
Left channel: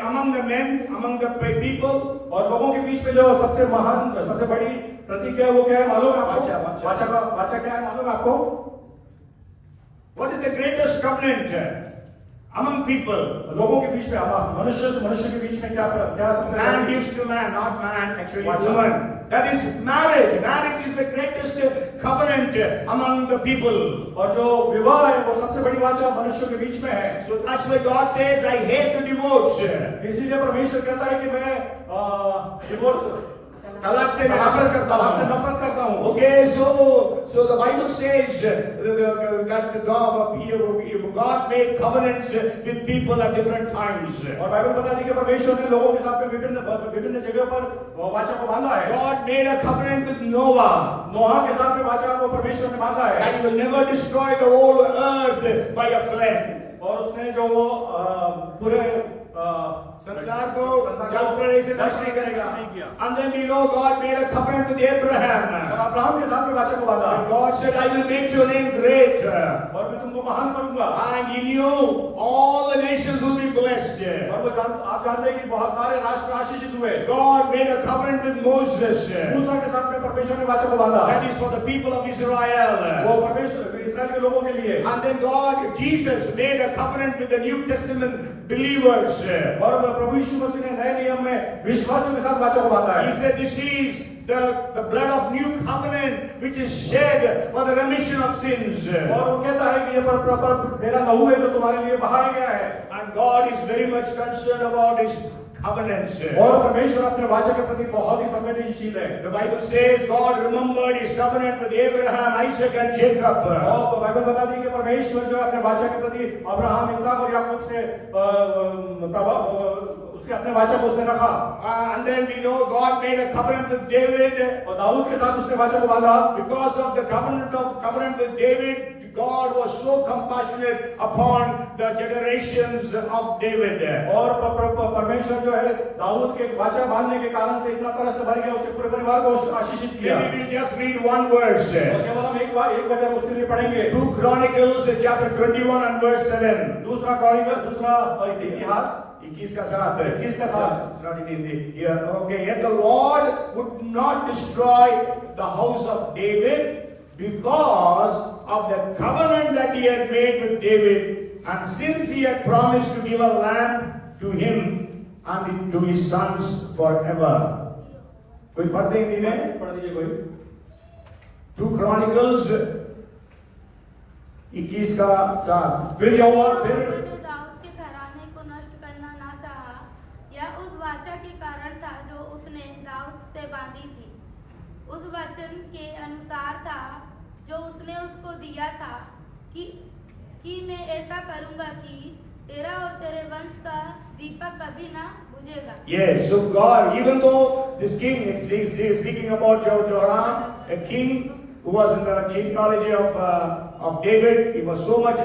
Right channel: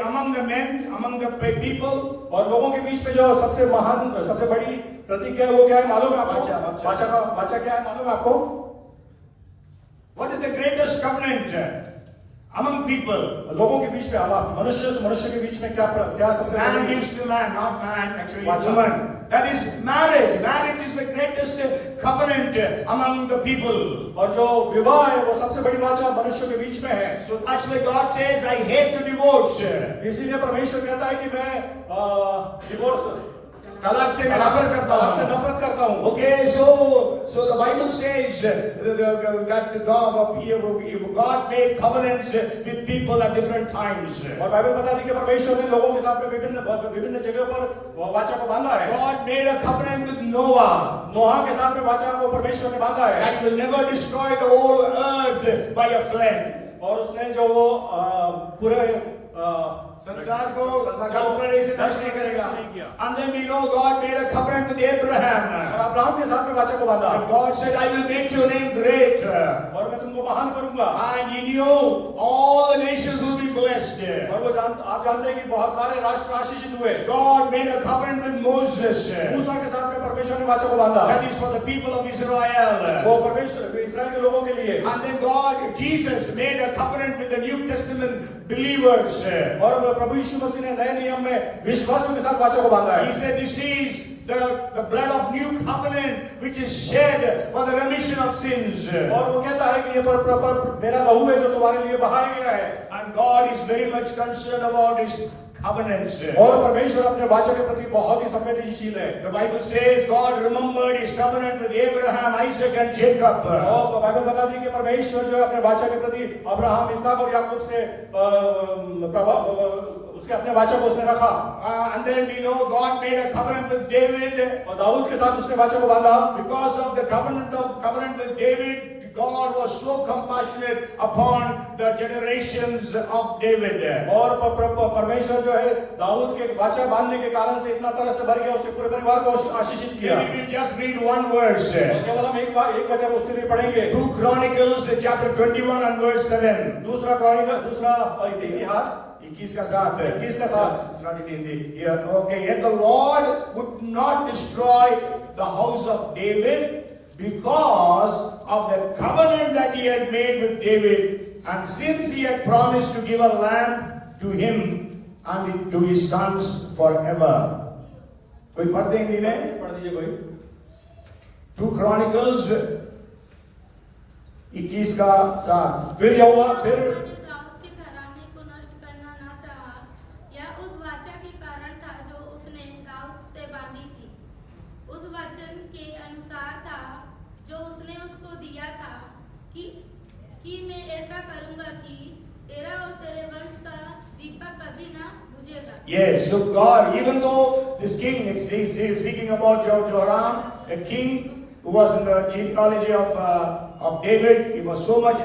among the men, among the people? और लोगों के बीच में जो सबसे महान, सबसे बड़ी प्रतिज्ञा है वो क्या है मालूम है आपको? वाचा क्या है मालूम है आपको? What is the greatest covenant among people? लोगों के बीच में, मनुष्य से मनुष्य के बीच में क्या सबसे Man बड़ी? gives to man, not man, actually Vacha. woman. That is marriage. Marriage is the greatest covenant among the people. और जो विवाह है वो सबसे बड़ी वाचा मनुष्य के बीच में है। So that's why God says, I hate to divorce. इसीलिए परमेश्वर कहता है कि मैं डिवोर्स तलाक से नफरत करता हूँ. Okay, so the Bible says that God made covenants with people at different times. और बाइबल बताती है कि परमेश्वर ने लोगों के साथ में विभिन्न जगहों पर वाचा को बांधा है। God made a covenant with Noah. नोहा के साथ में वाचा को परमेश्वर ने बांधा है। That he will never destroy the whole earth by a flood. और उसने जो वो पूरे संसार को जल प्रलय से नष्ट नहीं करेगा। And then we know God made a covenant with Abraham. और अब्राहम के साथ में वाचा को बांधा। And God said, I will make your name great. और मैं तुमको महान करूंगा। And in you all the nations will be blessed. और आप जानते हैं कि बहुत सारे राष्ट्र आशीषित हुए। God made a covenant with Moses. मूसा के साथ में परमेश्वर ने वाचा को बांधा। That is for the people of Israel. वो परमेश्वर इस्राएल के लोगों के लिए। And then Jesus made a covenant with the New Testament believers. और प्रभु यीशु मसीह ने नए नियम में विश्वासियों के साथ वाचा को बांधा है। He said, this is the blood of new covenant which is shed for the remission of sins. और वो कहता है कि ये मेरा लहू है जो तुम्हारे लिए बहाया गया है। And God is very much concerned about His covenants. और परमेश्वर अपने वाचा के प्रति बहुत ही संवेदनशील है। The Bible says God remembered His covenant with Abraham, Isaac and Jacob. और बाइबल बताती है कि परमेश्वर जो है अपने वाचा के प्रति अब्राहम, इसहाक और याकूब से उसके अपने वाचा को उसने रखा। And then we know God made a covenant with David. और दाऊद के साथ उसने वाचा को बांधा। Because of the covenant with David, God was so compassionate upon the generations of David. और परमेश्वर जो है दाऊद के वाचा बांधने के कारण से इतना तरह से भर गया, उसके पूरे परिवार को आशीषित किया। Maybe we'll just read one verse. और केवल हम एक वचन उसके लिए पढ़ेंगे। 2 Chronicles chapter 21 and verse 7. दूसरा क्रॉनिकल, दूसरा इतिहास 21 का साथ है। 21 का साथ। It's not in Hindi. Yeah, okay. Yet the Lord would not destroy the house of David because of the covenant that He had made with David, and since He had promised to give a lamb to him and to his sons forever. कोई पढ़ते हैं हिंदी में? पढ़ दीजिए कोई। 2 Chronicles 21 का 7. फिर यहोवा फिर उन्होंने दाऊद के घराने को नष्ट करना ना चाहा। यह उस वाचा के कारण था जो उसने दाऊद से बांधी थी। उस वचन के अनुसार था जो उसने उसको दिया था कि मैं ऐसा करूंगा कि तेरा और तेरे वंश का दीपक कभी ना बुझेगा। Yes, so God, even though this king, it's speaking about Jehoram, a king who was in the genealogy of David, he was so much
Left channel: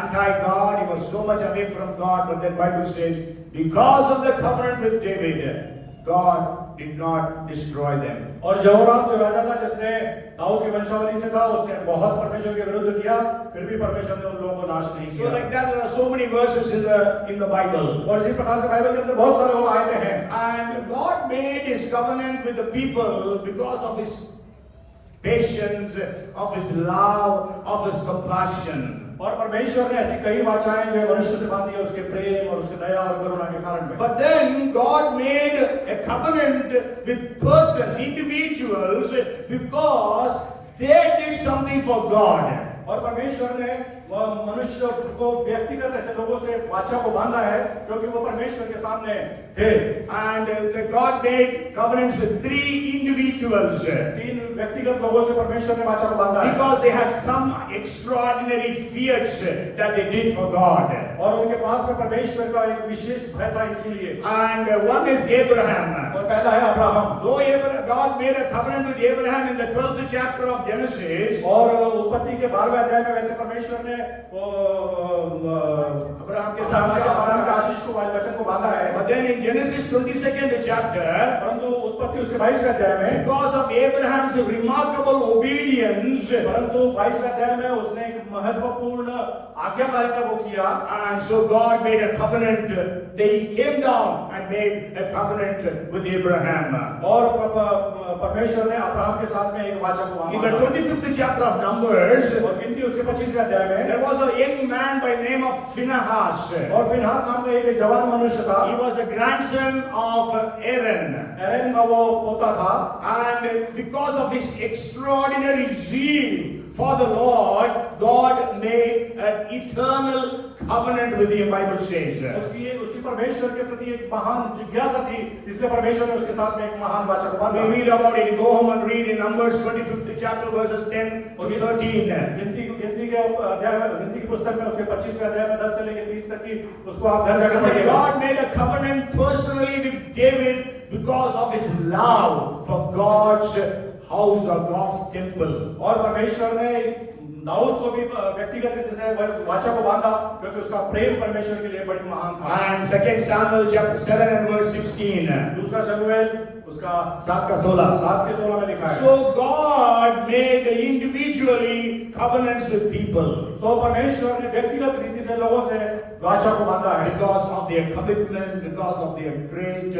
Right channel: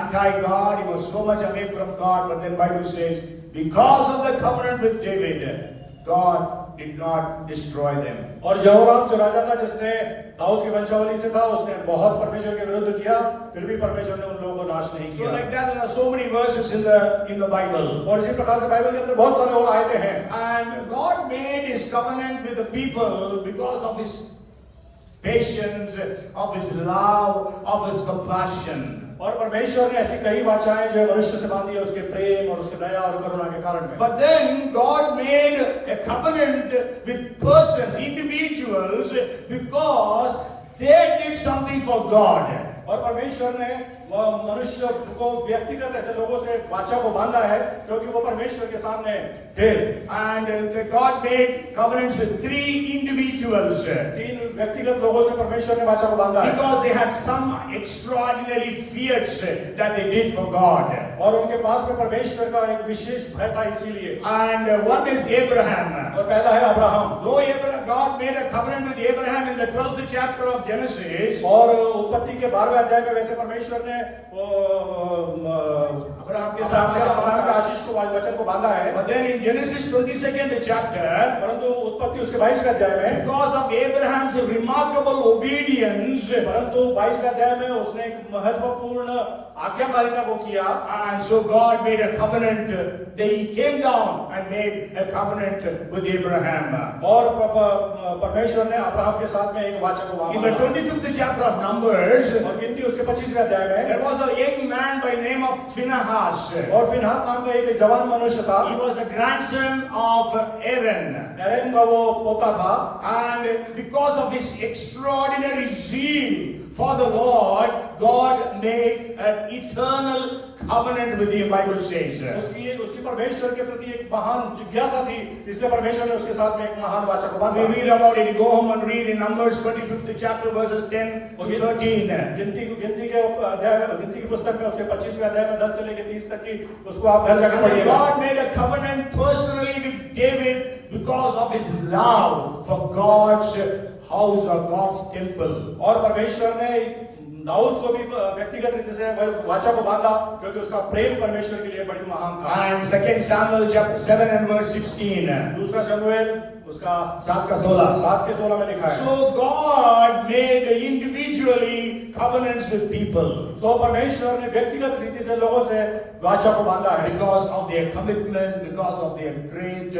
anti-God, he was so much away from God, but then Bible says, because of the covenant with David, God did not destroy them. और यहोराम जो राजा था जिसने दाऊद की वंशावली से था, उसने बहुत परमेश्वर के विरुद्ध किया, फिर भी परमेश्वर ने उन लोगों को नाश नहीं So किया। like that, there are so many verses in the Bible. और इसी प्रकार से बाइबल के अंदर बहुत सारे और आयतें हैं। And God made His covenant with the people because of His patience, of His love, of His compassion. और परमेश्वर ने ऐसी कई वाचाएं जो मनुष्य से बांधी है उसके प्रेम और उसके दया और करुणा के कारण में। But then God made a covenant with persons, individuals, because they did something for God. और परमेश्वर ने मनुष्य को व्यक्तिगत ऐसे लोगों से वाचा को बांधा है क्योंकि वो परमेश्वर के सामने थे। And God made covenants with 3 individuals. 3 व्यक्तिगत लोगों से परमेश्वर ने वाचा को बांधा है Because they had some extraordinary fears that they did for God. और उनके पास में परमेश्वर का एक विशेष भय था इसीलिए। And one is Abraham. और पहला है Abraham. Though God made a covenant with Abraham in the 12th chapter of Genesis, और उत्पत्ति के 12वें अध्याय में वैसे परमेश्वर ने अब्राहम के साथ अब्राहम के आशीष को वचन को बांधा है। but then in Genesis 22nd chapter, परंतु उत्पत्ति उसके 22वें अध्याय में because of Abraham's remarkable obedience, परंतु 22वें अध्याय में उसने एक महत्वपूर्ण आज्ञाकारिता को किया। and so God made a covenant. He came down and made a covenant with Abraham. और परमेश्वर ने अब्राहम के साथ में एक वाचा को In the बांधा। 25th chapter of Numbers, और गिनती उसके 25वें अध्याय में there was a young man by the name of Phinehas. और फिनहास नाम का एक जवान मनुष्य था। He was the grandson of Aaron. एरन का वो पोता था। And because of his extraordinary zeal for the Lord, God made an eternal covenant with him, Bible says. उसकी परमेश्वर के प्रति एक महान जिज्ञासा थी, इसलिए परमेश्वर ने उसके साथ में एक महान वाचा को बांधा। We read about it. Go home and read in Numbers 25th chapter verses 10 to 13. गिनती के अध्याय में, गिनती की पुस्तक में उसके 25वें अध्याय में 10 से लेकर 30 तक की उसको आप घर जाकर And then पढ़िएगा। God made a covenant personally with David because of his love for God's house or God's temple. और परमेश्वर ने दाऊद को भी व्यक्तिगत रीति से वाचा को बांधा क्योंकि उसका प्रेम परमेश्वर के लिए बड़ी महान था। And 2 Samuel chapter 7 and verse 16. दूसरा शमूएल उसका 7 का 16. 7 के 16 में लिखा है। So God made individually covenants with people सो परमेश्वर ने व्यक्तिगत रीति से लोगों से वाचा को बांधा है because of their commitment, because of their great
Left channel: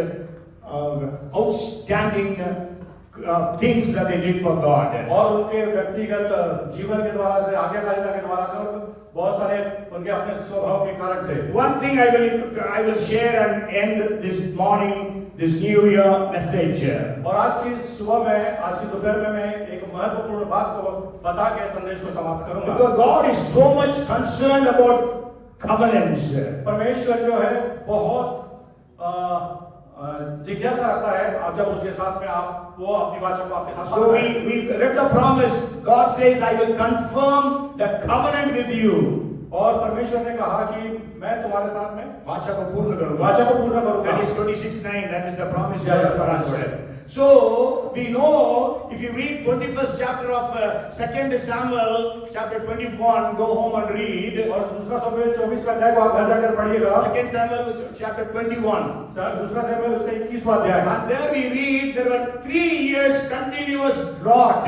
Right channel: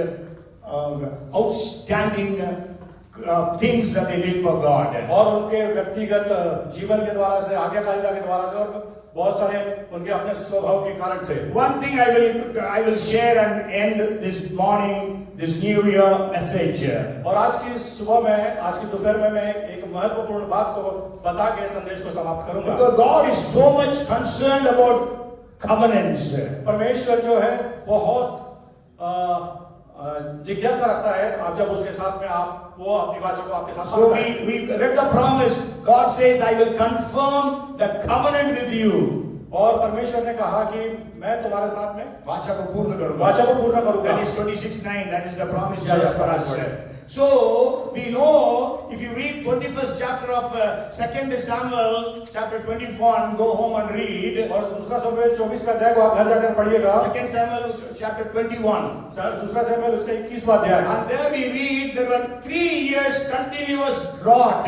outstanding things that they did for God. और उनके व्यक्तिगत जीवन के द्वारा से, आज्ञाकारिता के द्वारा से और बहुत सारे उनके अपने स्वभाव के कारण से। One thing I will share and end this morning this New Year message. और आज की सुबह में, आज की दोपहर में मैं एक महत्वपूर्ण बात को बता के संदेश को समाप्त करूंगा। Because God is so much concerned about covenants. परमेश्वर जो है बहुत जिज्ञासा रखता है आप जब उसके साथ में आप वो अपनी वाचा को आपके साथ So बांधता है। we read the promise. God says, I will confirm the covenant with you. और परमेश्वर ने कहा कि मैं तुम्हारे साथ में वाचा को पूर्ण करूंगा। वाचा को पूर्ण करूंगा। That is 26:9. That is the promise Yeah, God yeah, has for us. correct. So we know if you read 21st chapter of 2 Samuel chapter 21, go home and read. और दूसरा शमूएल 24 का अध्याय को आप घर जाकर पढ़िएगा। 2 Samuel chapter 21. दूसरा शमूएल उसका 21वां अध्याय। And there we read there were 3 years continuous drought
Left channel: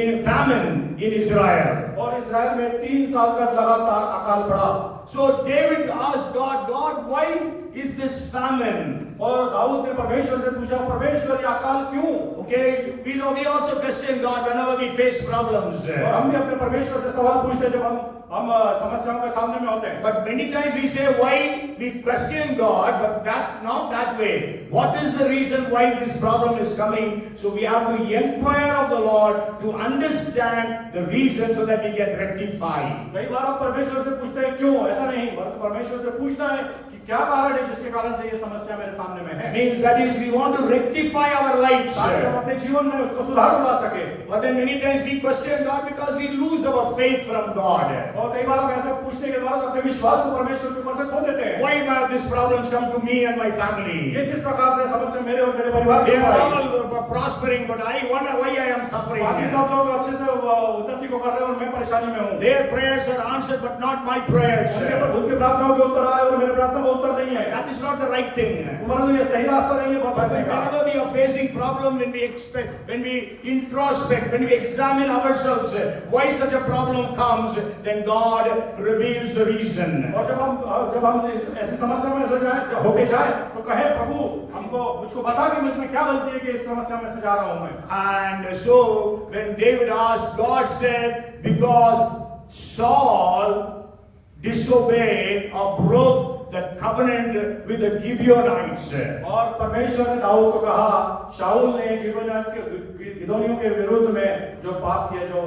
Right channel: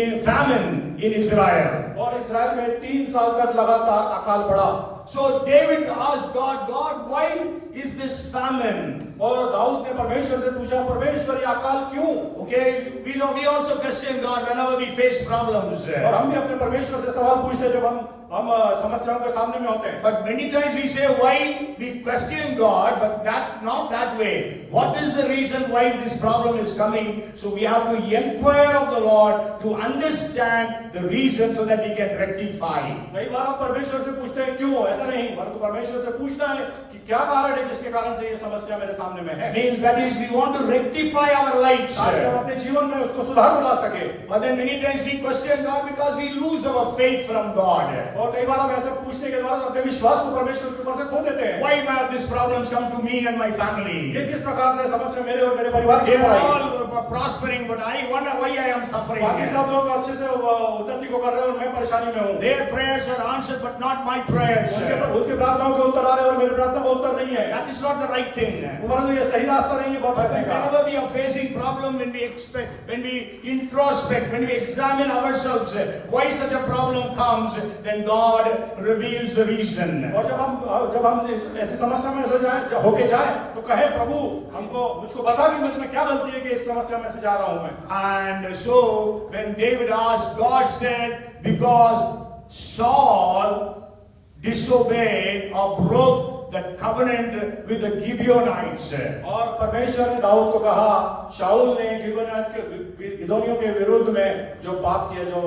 in famine in Israel. और इस्राएल में 3 साल तक लगातार अकाल पड़ा। So David asked God, God, why is this famine? और दाऊद ने परमेश्वर से पूछा, परमेश्वर ये अकाल क्यों? Okay, we know we also question God whenever we face problems. और हम भी अपने परमेश्वर से सवाल पूछते हैं जब हम समस्याओं के सामने में होते हैं। But many times we say why we question God, but that not that way. What is the reason why this problem is coming? So we have to inquire of the Lord to understand the reason so that we can rectify. कई बार आप परमेश्वर से पूछते हैं क्यों? ऐसा नहीं, परंतु परमेश्वर से पूछना है कि क्या कारण है जिसके कारण से ये समस्या मेरे सामने में है। Means that is we want to rectify our lives. ताकि हम अपने जीवन में उसको सुधार ला सके। But then many times we question God because we lose our faith from God. और कई बार हम ऐसा पूछने के द्वारा अपने विश्वास को परमेश्वर के ऊपर से खो देते हैं। Why have these problems come to me and my family? ये किस प्रकार से समस्या मेरे और मेरे परिवार They के are आई? all prospering, but I wonder why I am suffering. बाकी सब लोग अच्छे से उन्नति को कर रहे हैं और मैं परेशानी में हूँ। Their prayers are answered, but not my prayers. उनके प्रार्थनाओं के उत्तर आ रहे हैं और मेरे प्रार्थना को उत्तर नहीं है। That is not the right thing. परंतु ये सही रास्ता नहीं है बात But करने का। whenever we are facing problem, when we introspect, when we examine ourselves, why such a problem comes, then God reveals the reason. और जब हम ऐसी समस्या में होके जाए तो कहे प्रभु मुझको बता कि मुझमें क्या गलती है कि इस समस्या में से जा रहा हूं मैं। And so when David asked, God said, because Saul disobeyed or broke the covenant with the Gibeonites. और परमेश्वर ने दाऊद को कहा शाऊल ने गिदोनियों के विरुद्ध में जो पाप किया, जो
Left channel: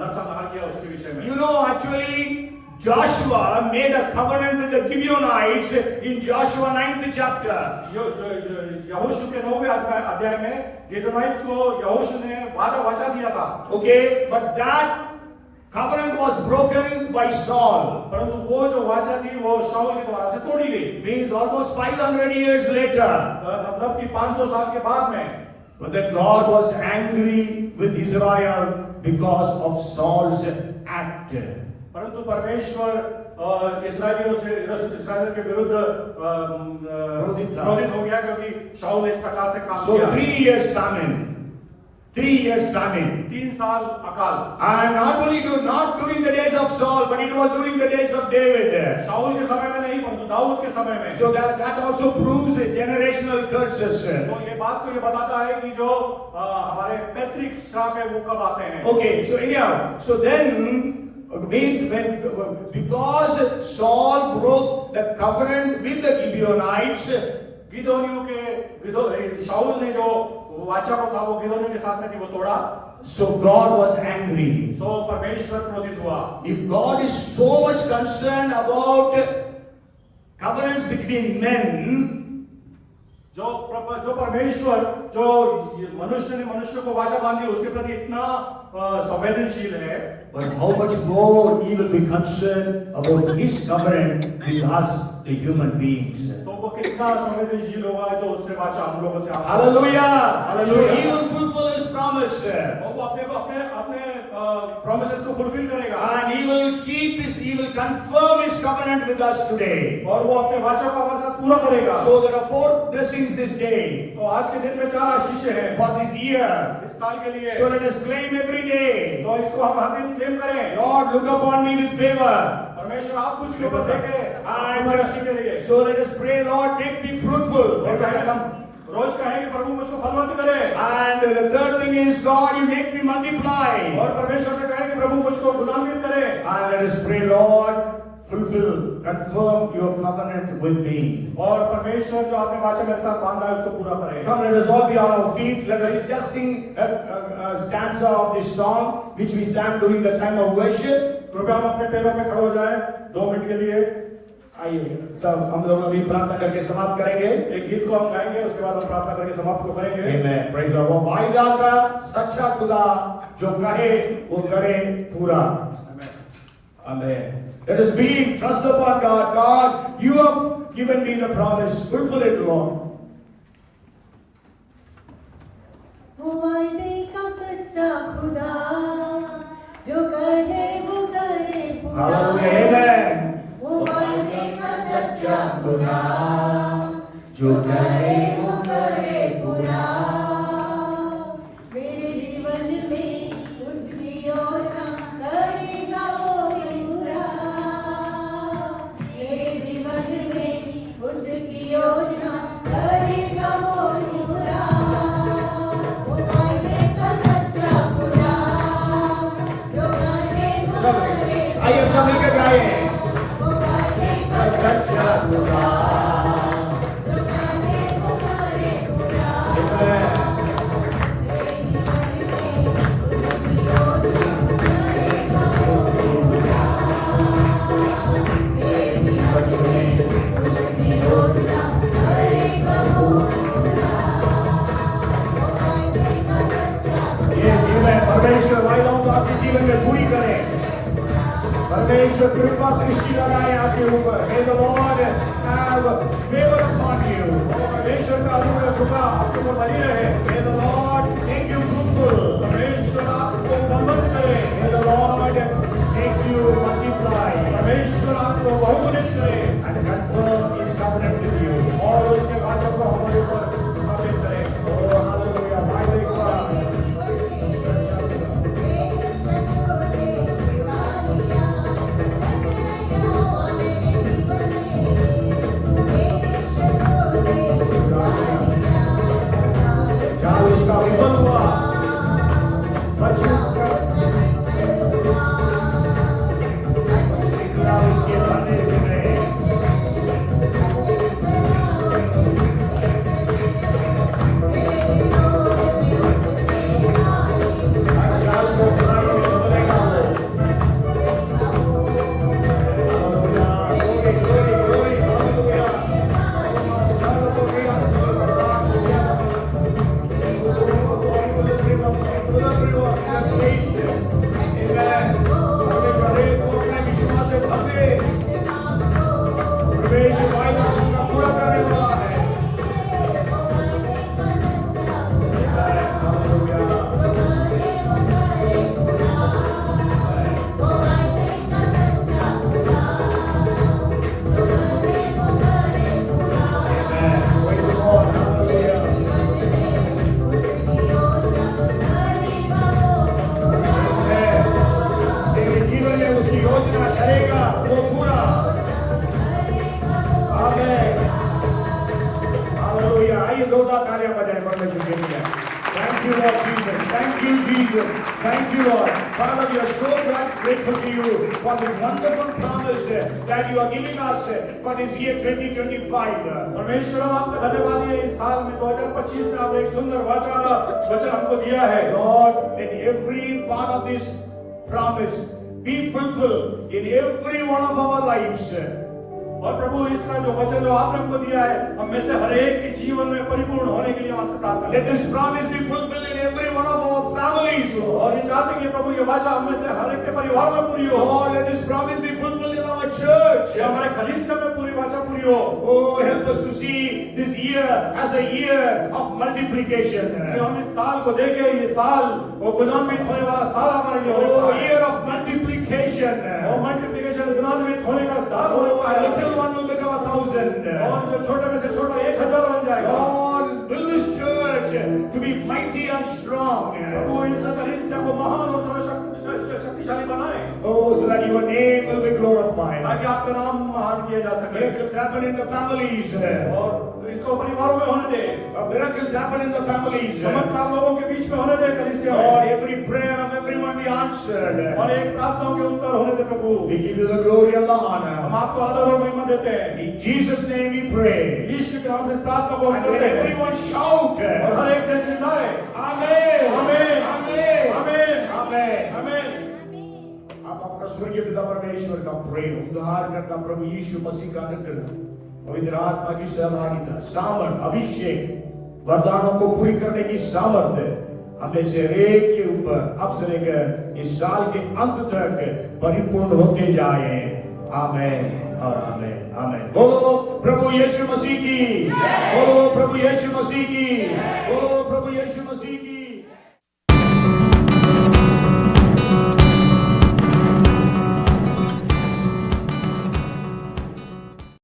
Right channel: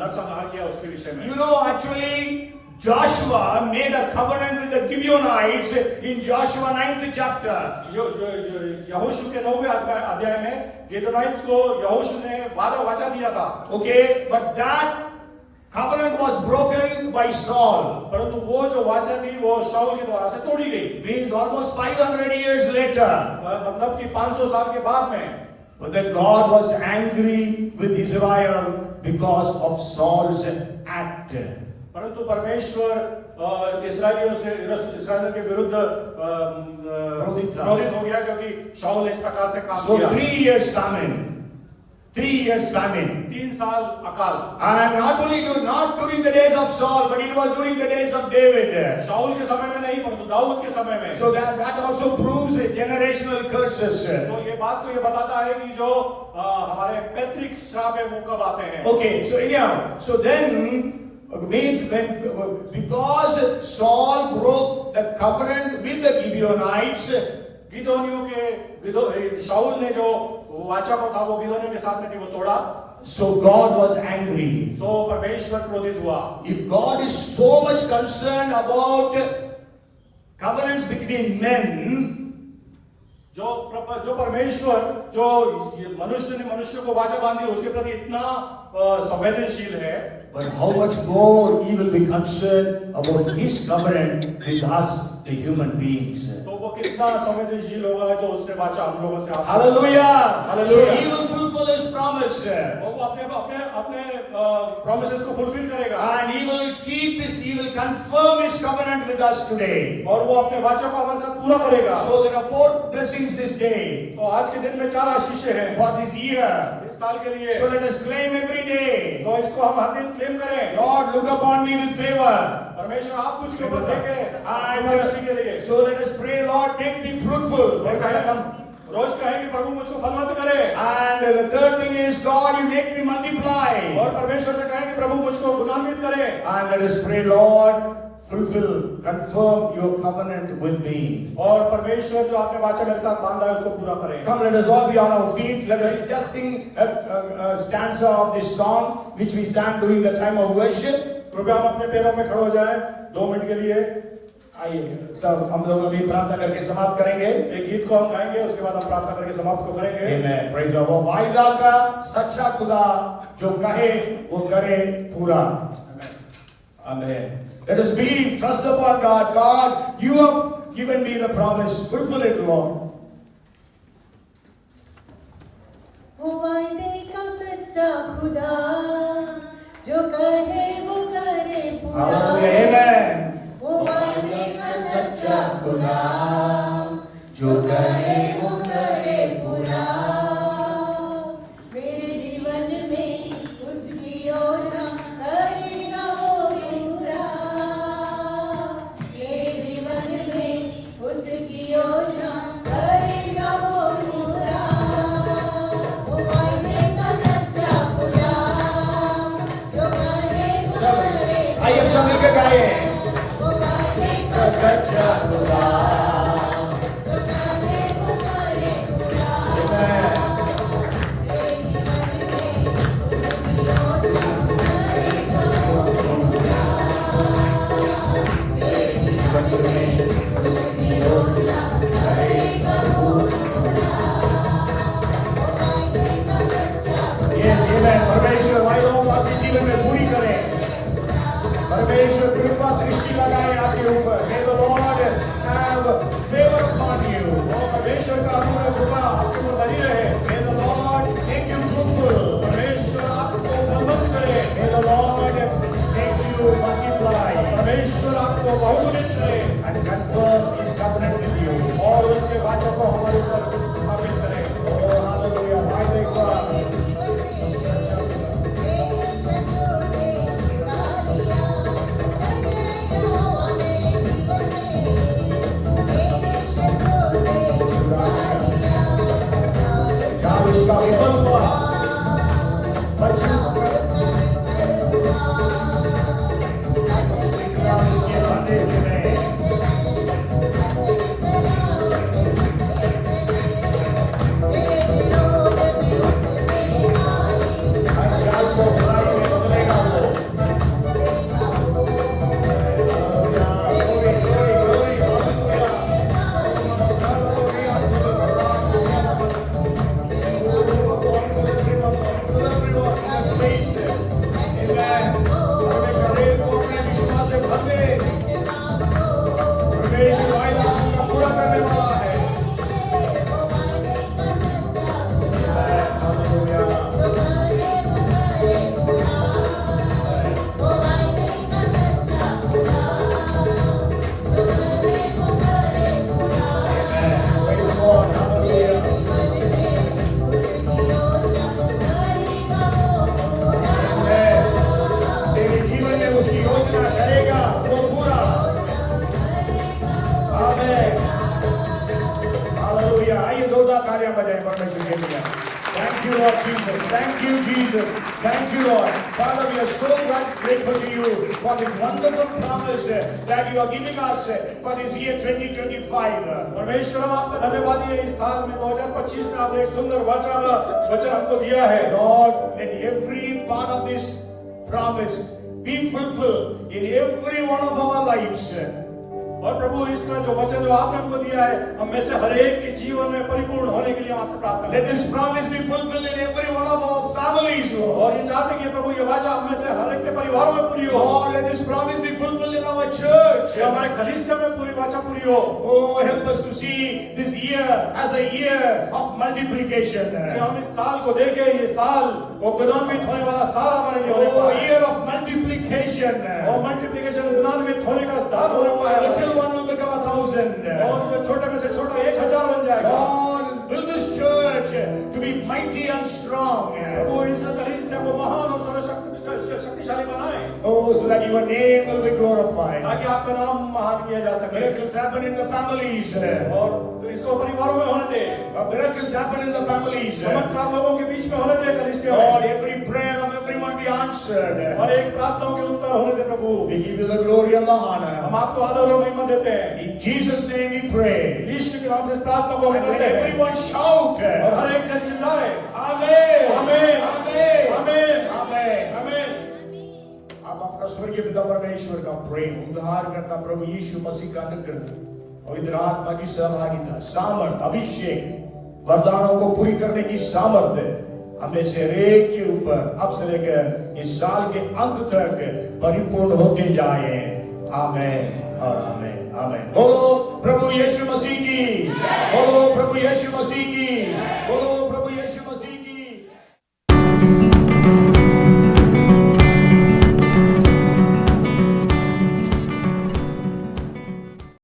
नरसंहार किया उसके विषय में। You know, actually Joshua made a covenant with the Gibeonites in Joshua 9th chapter. यहोशू के 9वें अध्याय में गिदोनियों को यहोशू ने वाचा दिया था। Okay, but that covenant was broken by Saul. परंतु वो जो वाचा थी वो शाऊल के द्वारा से तोड़ी गई। Means almost 500 years later. मतलब कि 500 साल के बाद में। But then God was angry with Israel because of Saul's act. परंतु परमेश्वर इस्राएलियों के विरुद्ध क्रोधित हो गया क्योंकि शाऊल ने इस प्रकार से काम So किया। 3 years famine. 3 years famine. 3 साल अकाल। And not during the days of Saul, but it was during the days of David. शाऊल के समय में नहीं परंतु दाऊद के समय में। So that also proves generational curses. तो ये बात तो ये बताता है कि जो हमारे पैतृक श्राप है वो कब आते हैं। Okay, so anyhow, so then means because Saul broke the covenant with the Gibeonites, शाऊल ने जो वाचा को था वो गिदोनियों के साथ में थी वो तोड़ा। so God was angry. तो परमेश्वर क्रोधित हुआ। If God is so much concerned about covenants between men, जो परमेश्वर जो मनुष्य ने मनुष्य को वाचा बांधी उसके प्रति इतना संवेदनशील है, but how much more He will be concerned about His covenant with us, the human beings. तो वो कितना संवेदनशील होगा जो उसने वाचा हम लोगों से। Hallelujah! So He will fulfill His promise. वो अपने promises को fulfill करेगा। And He will confirm His covenant with us today. और वो अपने वाचा को हमारे साथ पूरा करेगा। So there are 4 blessings this day. तो आज के दिन में 4 आशीष हैं For this year. इस साल के लिए। So let us claim every day. तो इसको हम हर दिन क्लेम करें। Lord, look upon me with favor. परमेश्वर आप मुझके ऊपर देखें And दृष्टि के लिए। so let us pray, Lord, make me fruitful. और कहें हम रोज कहें कि प्रभु मुझको फलवंत करे। And the third thing is, God, you make me multiply. और परमेश्वर से कहें कि प्रभु मुझको गुणान्वित करे। And let us pray, Lord, fulfill, confirm your covenant with me. और परमेश्वर जो आपने वाचा मेरे साथ बांधा है उसको पूरा करे। Come, let us all be on our feet. Let us just sing a stanza of this song which we sang during the time of worship. कृपया हम अपने पैरों पे खड़े हो जाएं 2 मिनट के लिए। आइए सब हम लोग अभी प्रार्थना करके समाप्त करेंगे। एक गीत को हम गाएंगे, उसके बाद हम प्रार्थना करके समाप्त को करेंगे। Amen. Praise the Lord. वायदा का सच्चा खुदा जो कहे वो करे पूरा। Amen. Amen. Let us believe, trust upon God. God, you have given me the promise. Fulfill it, Lord. वो वायदे का सच्चा खुदा जो कहे वो करे पूरा। Hallelujah. Amen. वो वायदे का सच्चा खुदा जो कहे वो करे पूरा। मेरे जीवन में उसकी योजना करेगा वो पूरा। मेरे जीवन में उसकी योजना करेगा वो पूरा। वो वायदे का सच्चा खुदा जो कहे वो करे पूरा। आइए सब मिलकर गाएं। वो वायदे का सच्चा खुदा। Yes, amen. परमेश्वर वायदों को आपके जीवन में पूरी करे। परमेश्वर कृपा दृष्टि लगाए आपके ऊपर। May the Lord have favor upon you. और परमेश्वर का अनुग्रह कृपा आपके ऊपर बनी रहे। May the Lord make you fruitful. परमेश्वर आपको समृद्ध करे। May the Lord make you multiply परमेश्वर आपको बहुगुणित करे and confirm His covenant with you. और उसके वाचा को हमारे ऊपर स्थापित करे। Oh, hallelujah. वायदे का सच्चा खुदा। जहाँ उसका विफल हुआ, बच्चों का निकला उसके बंदे से नहीं। हर जाल को बुराई में बदलेगा वो। Hallelujah. Glory, glory, glory. Hallelujah. तेरे जीवन में उसकी योजना करेगा वो पूरा। आमीन। हालेलुया। आइए जोरदार तालियां बजाएं परमेश्वर के लिए। Thank you, Lord Jesus. Thank you, Jesus. Thank you, Lord. Father, we are so grateful to you for this wonderful promise that you are giving us for this year 2025. परमेश्वर हम आपका धन्यवाद है इस साल में 2025 में आपने एक सुंदर वचन हमको दिया है। Lord, let every part of this promise be fulfilled in every one of our lives. और प्रभु इसका जो वचन जो आपने हमको दिया है हम में से हर एक के जीवन में परिपूर्ण होने के लिए हम आपसे प्रार्थना Let करते हैं। this promise be fulfilled in every one of our families, Lord. और ये चाहते हैं कि प्रभु ये वाचा हम में से हर एक के परिवार में पूरी हो। Lord, let this promise be fulfilled in our church. ये हमारे कलीसिया में पूरी वाचा पूरी हो। Oh, help us to see this year as a year of multiplication. कि हम इस साल को देखें, ये साल वो गुणान्वित होने वाला साल हमारे लिए होने Oh, वाला है। year of multiplication. और मल्टीप्लिकेशन गुणान्वित होने का साल होने Oh, वाला a है। little one will become 1,000. और जो छोटे में से छोटा 1000 बन जाएगा। Lord, build this church to be mighty and strong. प्रभु इस कलीसिया को महान और सर्वशक्तिशाली बनाए। Oh, so that your name will be glorified. ताकि आपका नाम महान किया जा सके Miracles happen in the families. और इसको परिवारों में होने दे Miracles happen in the families. चमत्कार लोगों के बीच में होने दे कलीसिया में Lord, every prayer of everyone be answered. और एक प्रार्थनाओं के उत्तर होने दे प्रभु We give you the glory and the हम honor. आपको आदर और महिमा देते हैं In Jesus' name we pray. यीशु के नाम से इस प्रार्थना को हम And करते let हैं everyone shout. और हर एक जन चिल्लाए Amen. Amen. Amen. Amen. Amen. आमीन आप अपना स्वर्गीय पिता परमेश्वर का प्रेम उद्धार करता प्रभु यीशु मसीह का अनुग्रह पवित्र आत्मा की सहभागिता सामर्थ अभिषेक वरदानों को पूरी करने की सामर्थ्य हमें से हरेक के ऊपर अब से लेकर इस साल के अंत तक परिपूर्ण होते जाए आमेन और आमेन आमेन बोलो प्रभु यीशु मसीह की बोलो प्रभु यीशु मसीह की बोलो प्रभु यीशु मसीह की